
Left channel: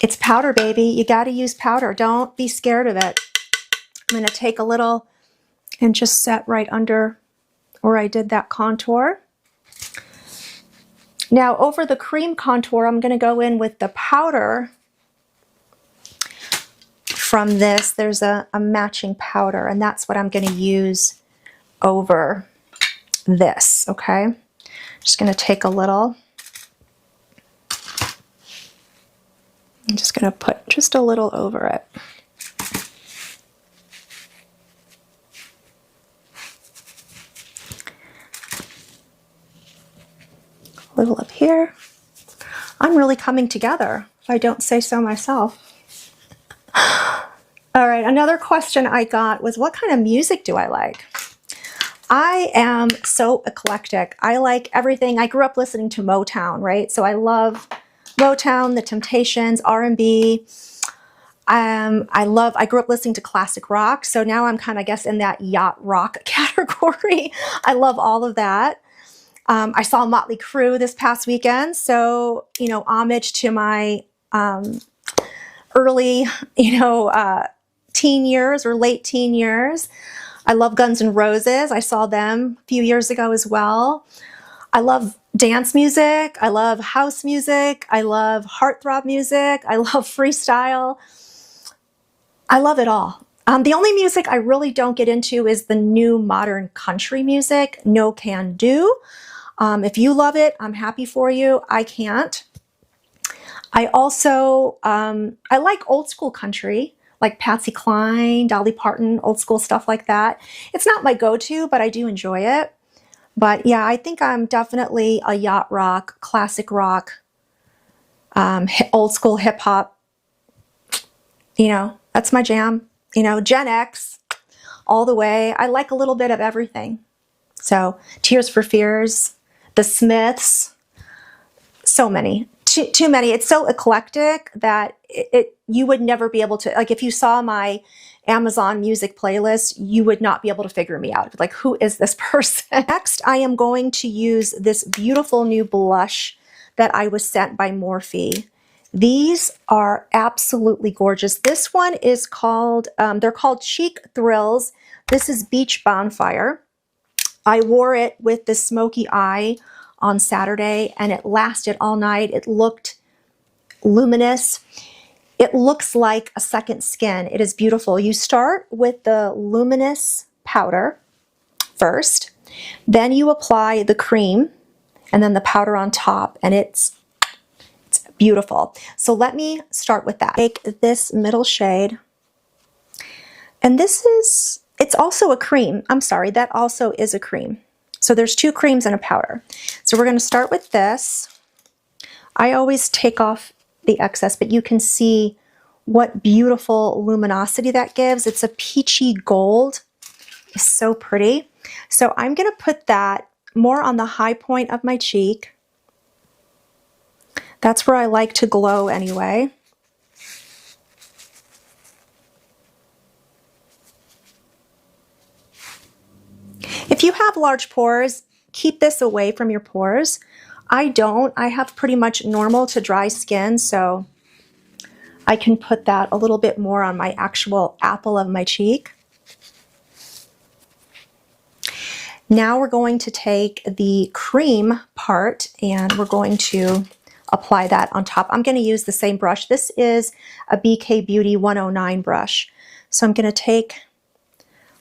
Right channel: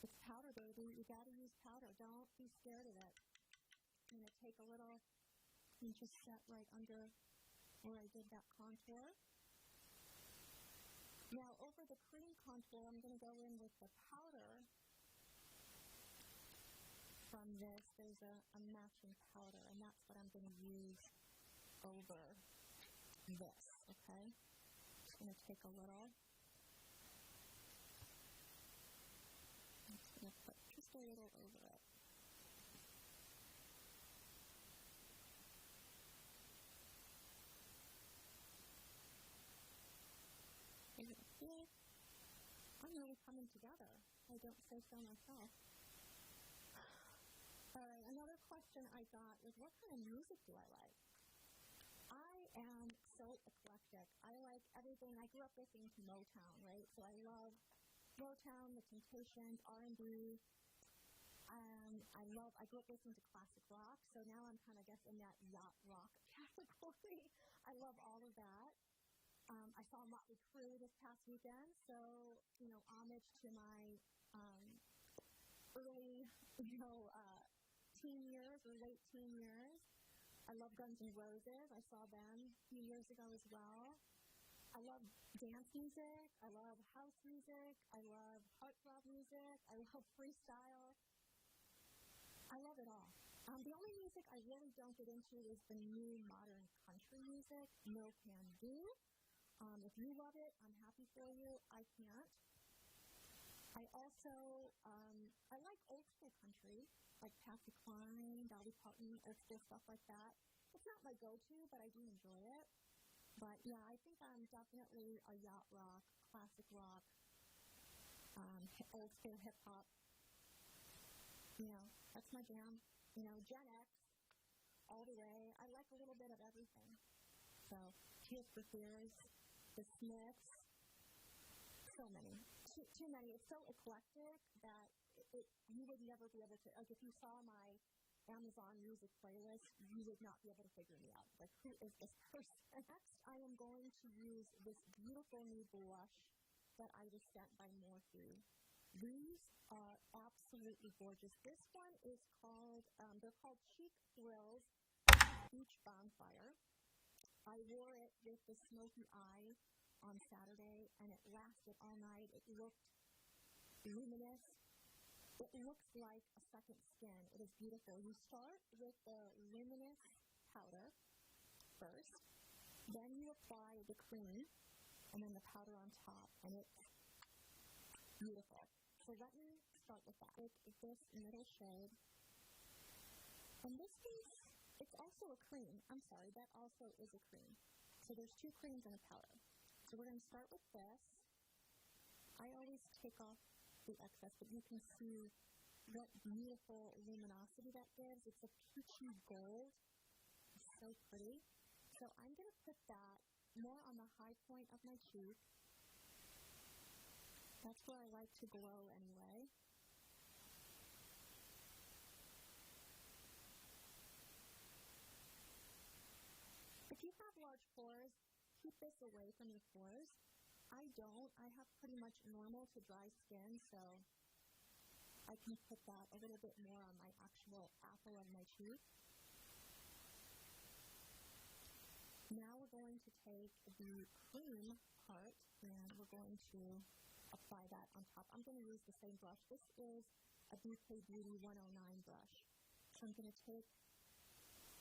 it's powder, baby. You got to use powder. Don't be scared of it. I'm going to take a little and just set right under where I did that contour. Now over the cream contour, I'm going to go in with the powder from this. There's a matching powder, and that's what I'm going to use over this, okay? Just going to take a little. I'm just going to put just a little over it. A little up here. I'm really coming together, if I don't say so myself. All right, another question I got was, what kind of music do I like? I am so eclectic. I like everything. I grew up listening to Motown, right? So I love Motown, The Temptations, R&B. I grew up listening to classic rock. So now I'm kind of, I guess, in that yacht rock category. I love all of that. I saw Motley Crue this past weekend. So, you know, homage to my early, teen years or late teen years. I love Guns N' Roses. I saw them a few years ago as well. I love dance music. I love house music. I love heartthrob music. I love freestyle. I love it all. The only music I really don't get into is the new modern country music. No can do. If you love it, I'm happy for you. I can't. I also, I like old school country, like Patsy Cline, Dolly Parton, old school stuff like that. It's not my go-to, but I do enjoy it. But yeah, I think I'm definitely a yacht rock, classic rock, old school hip hop. You know, that's my jam. You know, Gen X, all the way. I like a little bit of everything. So Tears for Fears, The Smiths, so many. Too many. It's so eclectic that you would never be able to, like, if you saw my Amazon music playlist, you would not be able to figure me out. Like, who is this person? Next, I am going to use this beautiful new blush that I was sent by Morphe. These are absolutely gorgeous. This one is called, they're called Chic Thrills. This is Beach Bonfire. I wore it with the smoky eye on Saturday and it lasted all night. It looked luminous. It looks like a second skin. It is beautiful. You start with the luminous powder first, then you apply the cream and then the powder on top, and it's beautiful. So let me start with that. Take this middle shade, and it's also a cream. I'm sorry, that also is a cream. So there's two creams and a powder. So we're going to start with this. I always take off the excess, but you can see what beautiful luminosity that gives. It's a peachy gold. It's so pretty. So I'm going to put that more on the high point of my cheek. That's where I like to glow anyway. If you have large pores, keep this away from your pores. I don't. I have pretty much normal to dry skin, so I can put that a little bit more on my actual apple of my cheek. Now we're going to take the cream part and we're going to apply that on top. I'm going to use the same brush. This is a BK Beauty 109 brush. So I'm going to take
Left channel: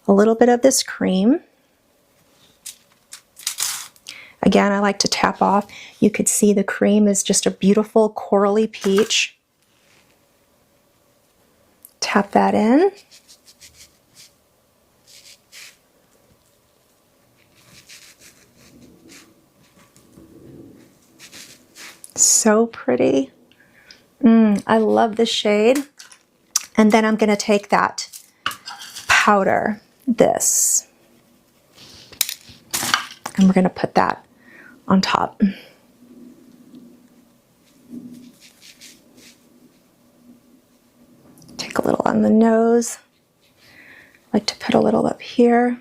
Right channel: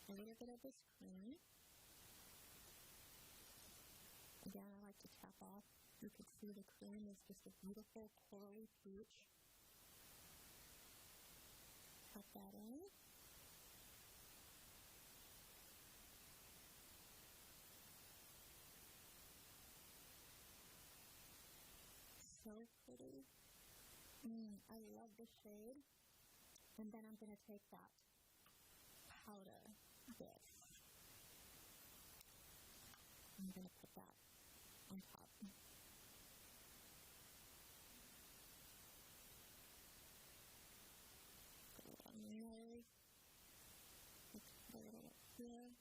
a little bit of this cream. Again, I like to tap off. You could see the cream is just a beautiful corally peach. Tap that in. So pretty. I love the shade. And then I'm going to take that powder, this, and we're going to put that on top. a little on the nose. I like to put a little up here.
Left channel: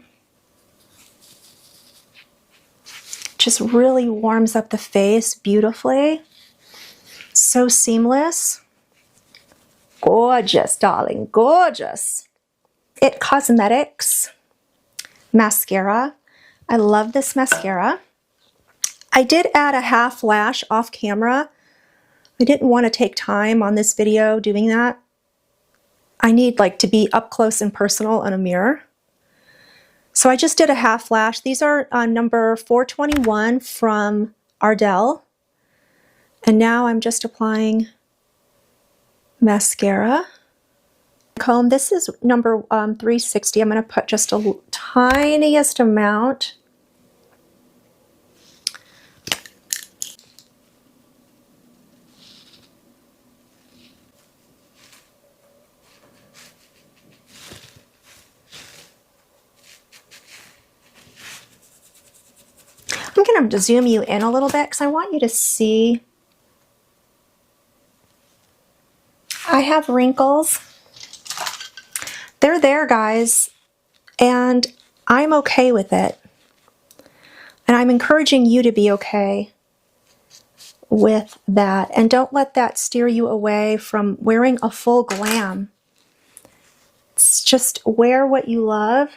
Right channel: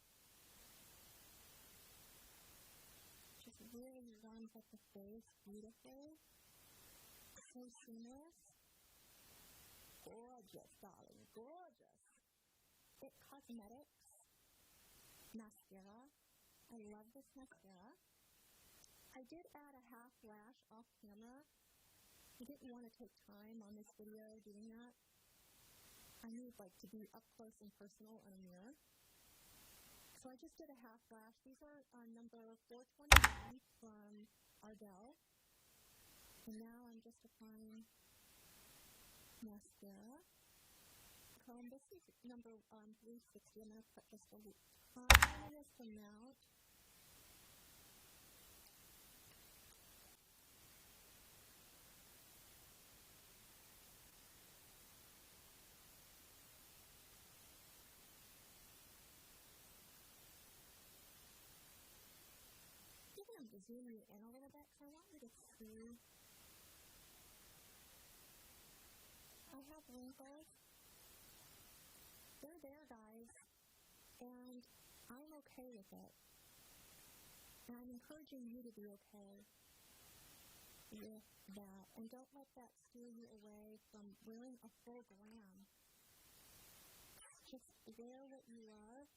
Just really warms up the face beautifully. So seamless. Gorgeous, darling, gorgeous. It Cosmetics mascara. I love this mascara. I did add a half lash off camera. I didn't want to take time on this video doing that. I need like to be up close and personal in a mirror. So I just did a half lash. These are number 421 from Ardell. And now I'm just applying mascara. Comb, this is number 360. I'm going to put just a tiniest amount. I'm going to zoom you in a little bit because I want you to see. I have wrinkles. They're there, guys, and I'm okay with it. And I'm encouraging you to be okay with that. And don't let that steer you away from wearing a full glam. It's just wear what you love.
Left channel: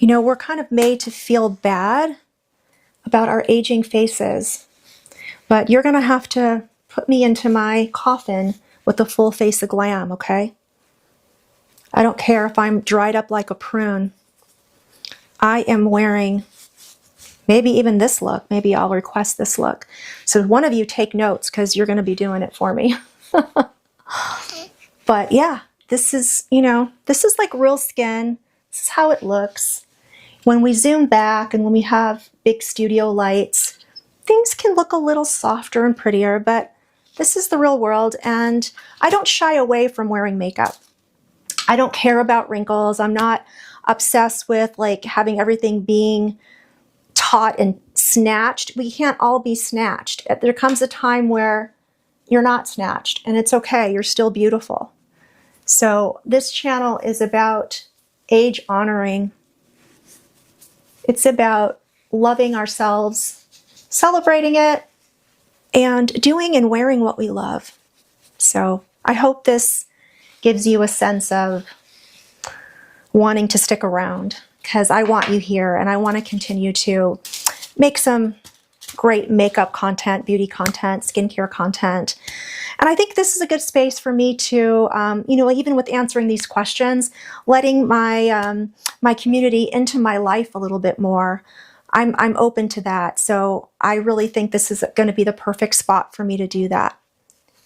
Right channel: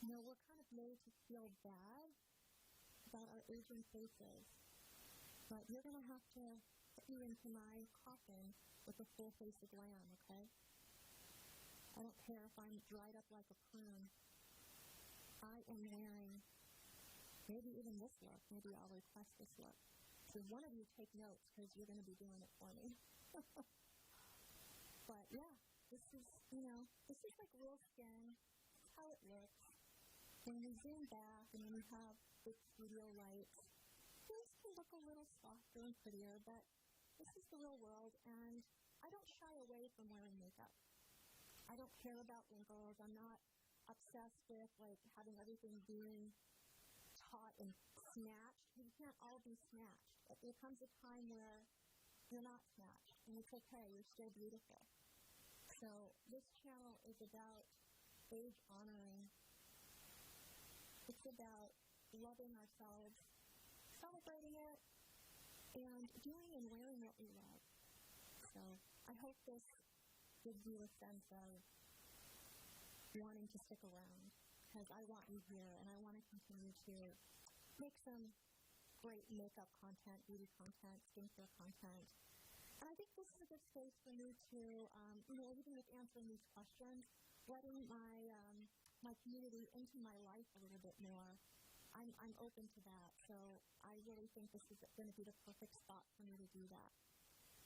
You know, we're kind of made to feel bad about our aging faces, but you're going to have to put me into my coffin with a full face of glam, okay? I don't care if I'm dried up like a prune. I am wearing maybe even this look. Maybe I'll request this look. So one of you take notes because you're going to be doing it for me. But yeah, this is, you know, this is like real skin. This is how it looks. When we zoom back and when we have big studio lights, things can look a little softer and prettier, but this is the real world, and I don't shy away from wearing makeup. I don't care about wrinkles. I'm not obsessed with like having everything being taut and snatched. We can't all be snatched. There comes a time where you're not snatched, and it's okay. You're still beautiful. So this channel is about age honoring. It's about loving ourselves, celebrating it, and doing and wearing what we love. So I hope this gives you a sense of wanting to stick around, because I want you here and I want to continue to make some great makeup content, beauty content, skincare content. And I think this is a good space for me to, you know, even with answering these questions, letting my my community into my life a little bit more. I'm open to that. So I really think this is going to be the perfect spot for me to do that.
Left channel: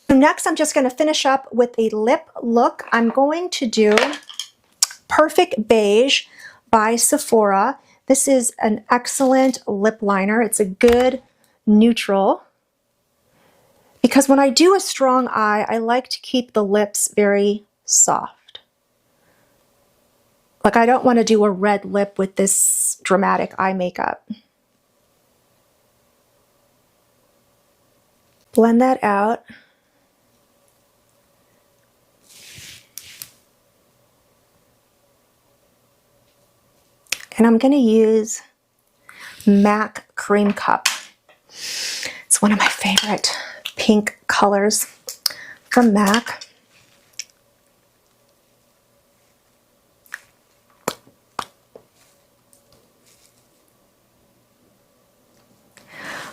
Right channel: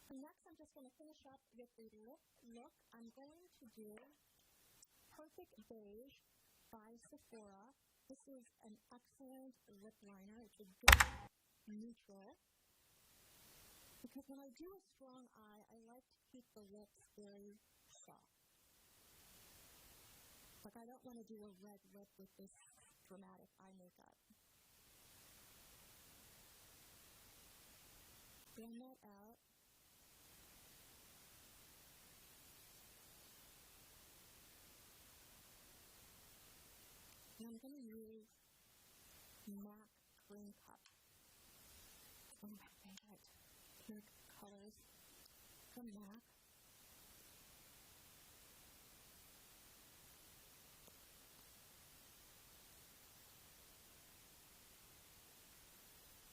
So next, I'm just going to finish up with a lip look. I'm going to do Perfect Beige by Sephora. This is an excellent lip liner. It's a good neutral. Because when I do a strong eye, I like to keep the lips very soft. Like I don't want to do a red lip with this dramatic eye makeup. Blend that out. And I'm going to use MAC Cream Cup. It's one of my favorite pink colors from MAC.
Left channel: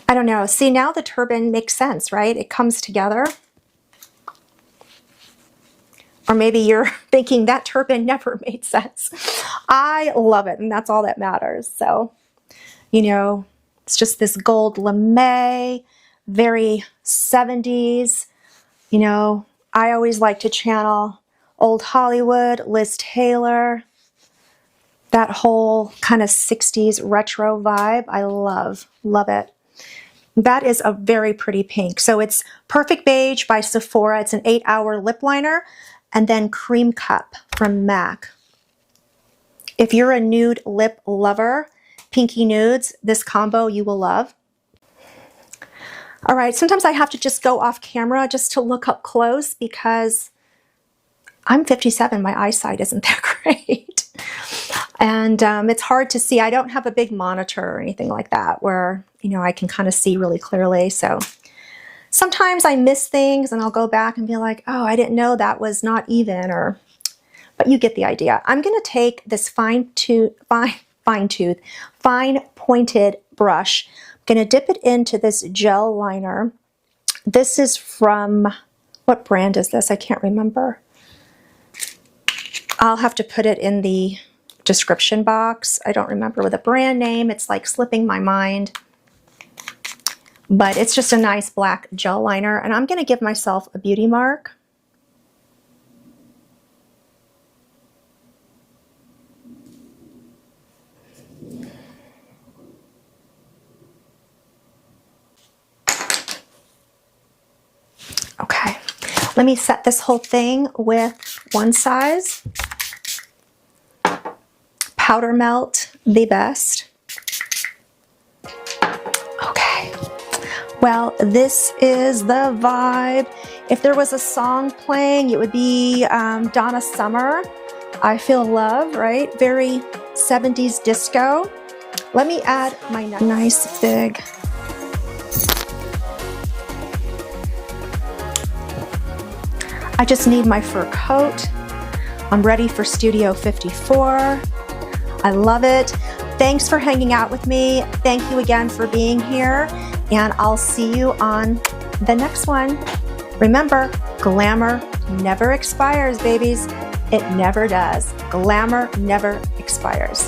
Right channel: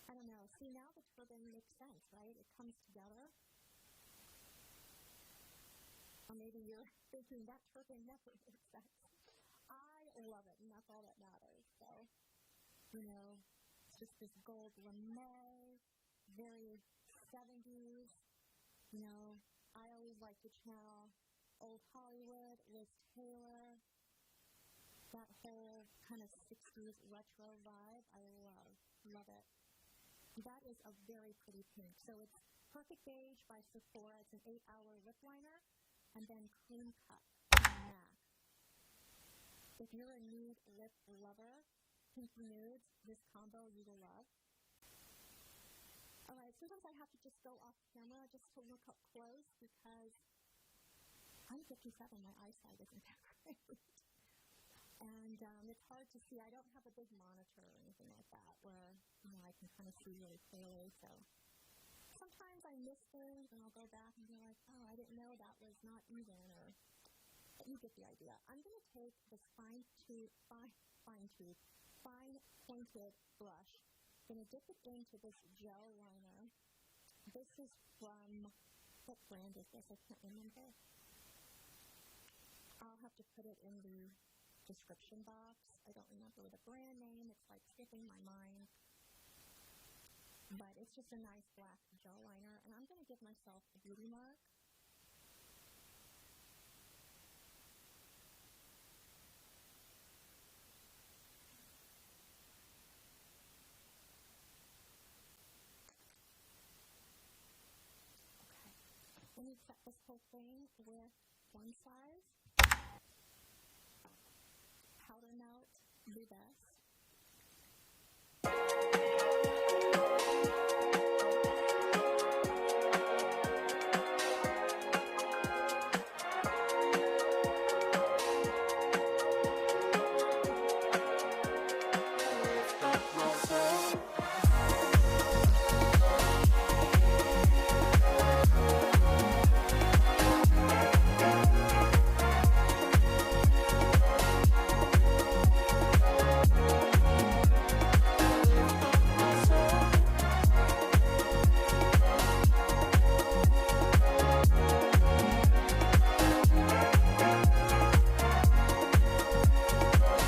I don't know. See, now the turban makes sense, right? It comes together. Or maybe you're thinking that turban never made sense. I love it, and that's all that matters. So, you know, it's just this gold lame, very 70s. You know, I always like to channel old Hollywood, Liz Taylor, that whole kind of 60s retro vibe. I love it. That is a very pretty pink. So it's Perfect Beige by Sephora. It's an 8-hour lip liner. And then Cream Cup from MAC. If you're a nude lip lover, pinky nudes, this combo you will love. All right, sometimes I have to just go off camera just to look up close because I'm 57, my eyesight isn't that great. And it's hard to see. I don't have a big monitor or anything like that where, you know, I can kind of see really clearly. So sometimes I miss things and I'll go back and be like, oh, I didn't know that was not even, or, but you get the idea. I'm going to take this fine pointed brush. I'm going to dip it into this gel liner. This is from, what brand is this? I can't remember. I'll have to put it in the description box. I don't remember with a brand name. It's like slipping my mind. But it's just a nice black gel liner. And I'm going to give myself a beauty mark. Okay, let me set this whole thing with one size. Powder melt, the best. Okay, well, this is the vibe. If there was a song playing, it would be Donna Summer, I Feel Love, right? Very 70s disco. Let me add my nice big I just need my fur coat. I'm ready for Studio 54. I love it. Thanks for hanging out with me. Thank you again for being here, and I'll see you on the next one. Remember, glamour never expires, babies. It never does. Glamour never expires.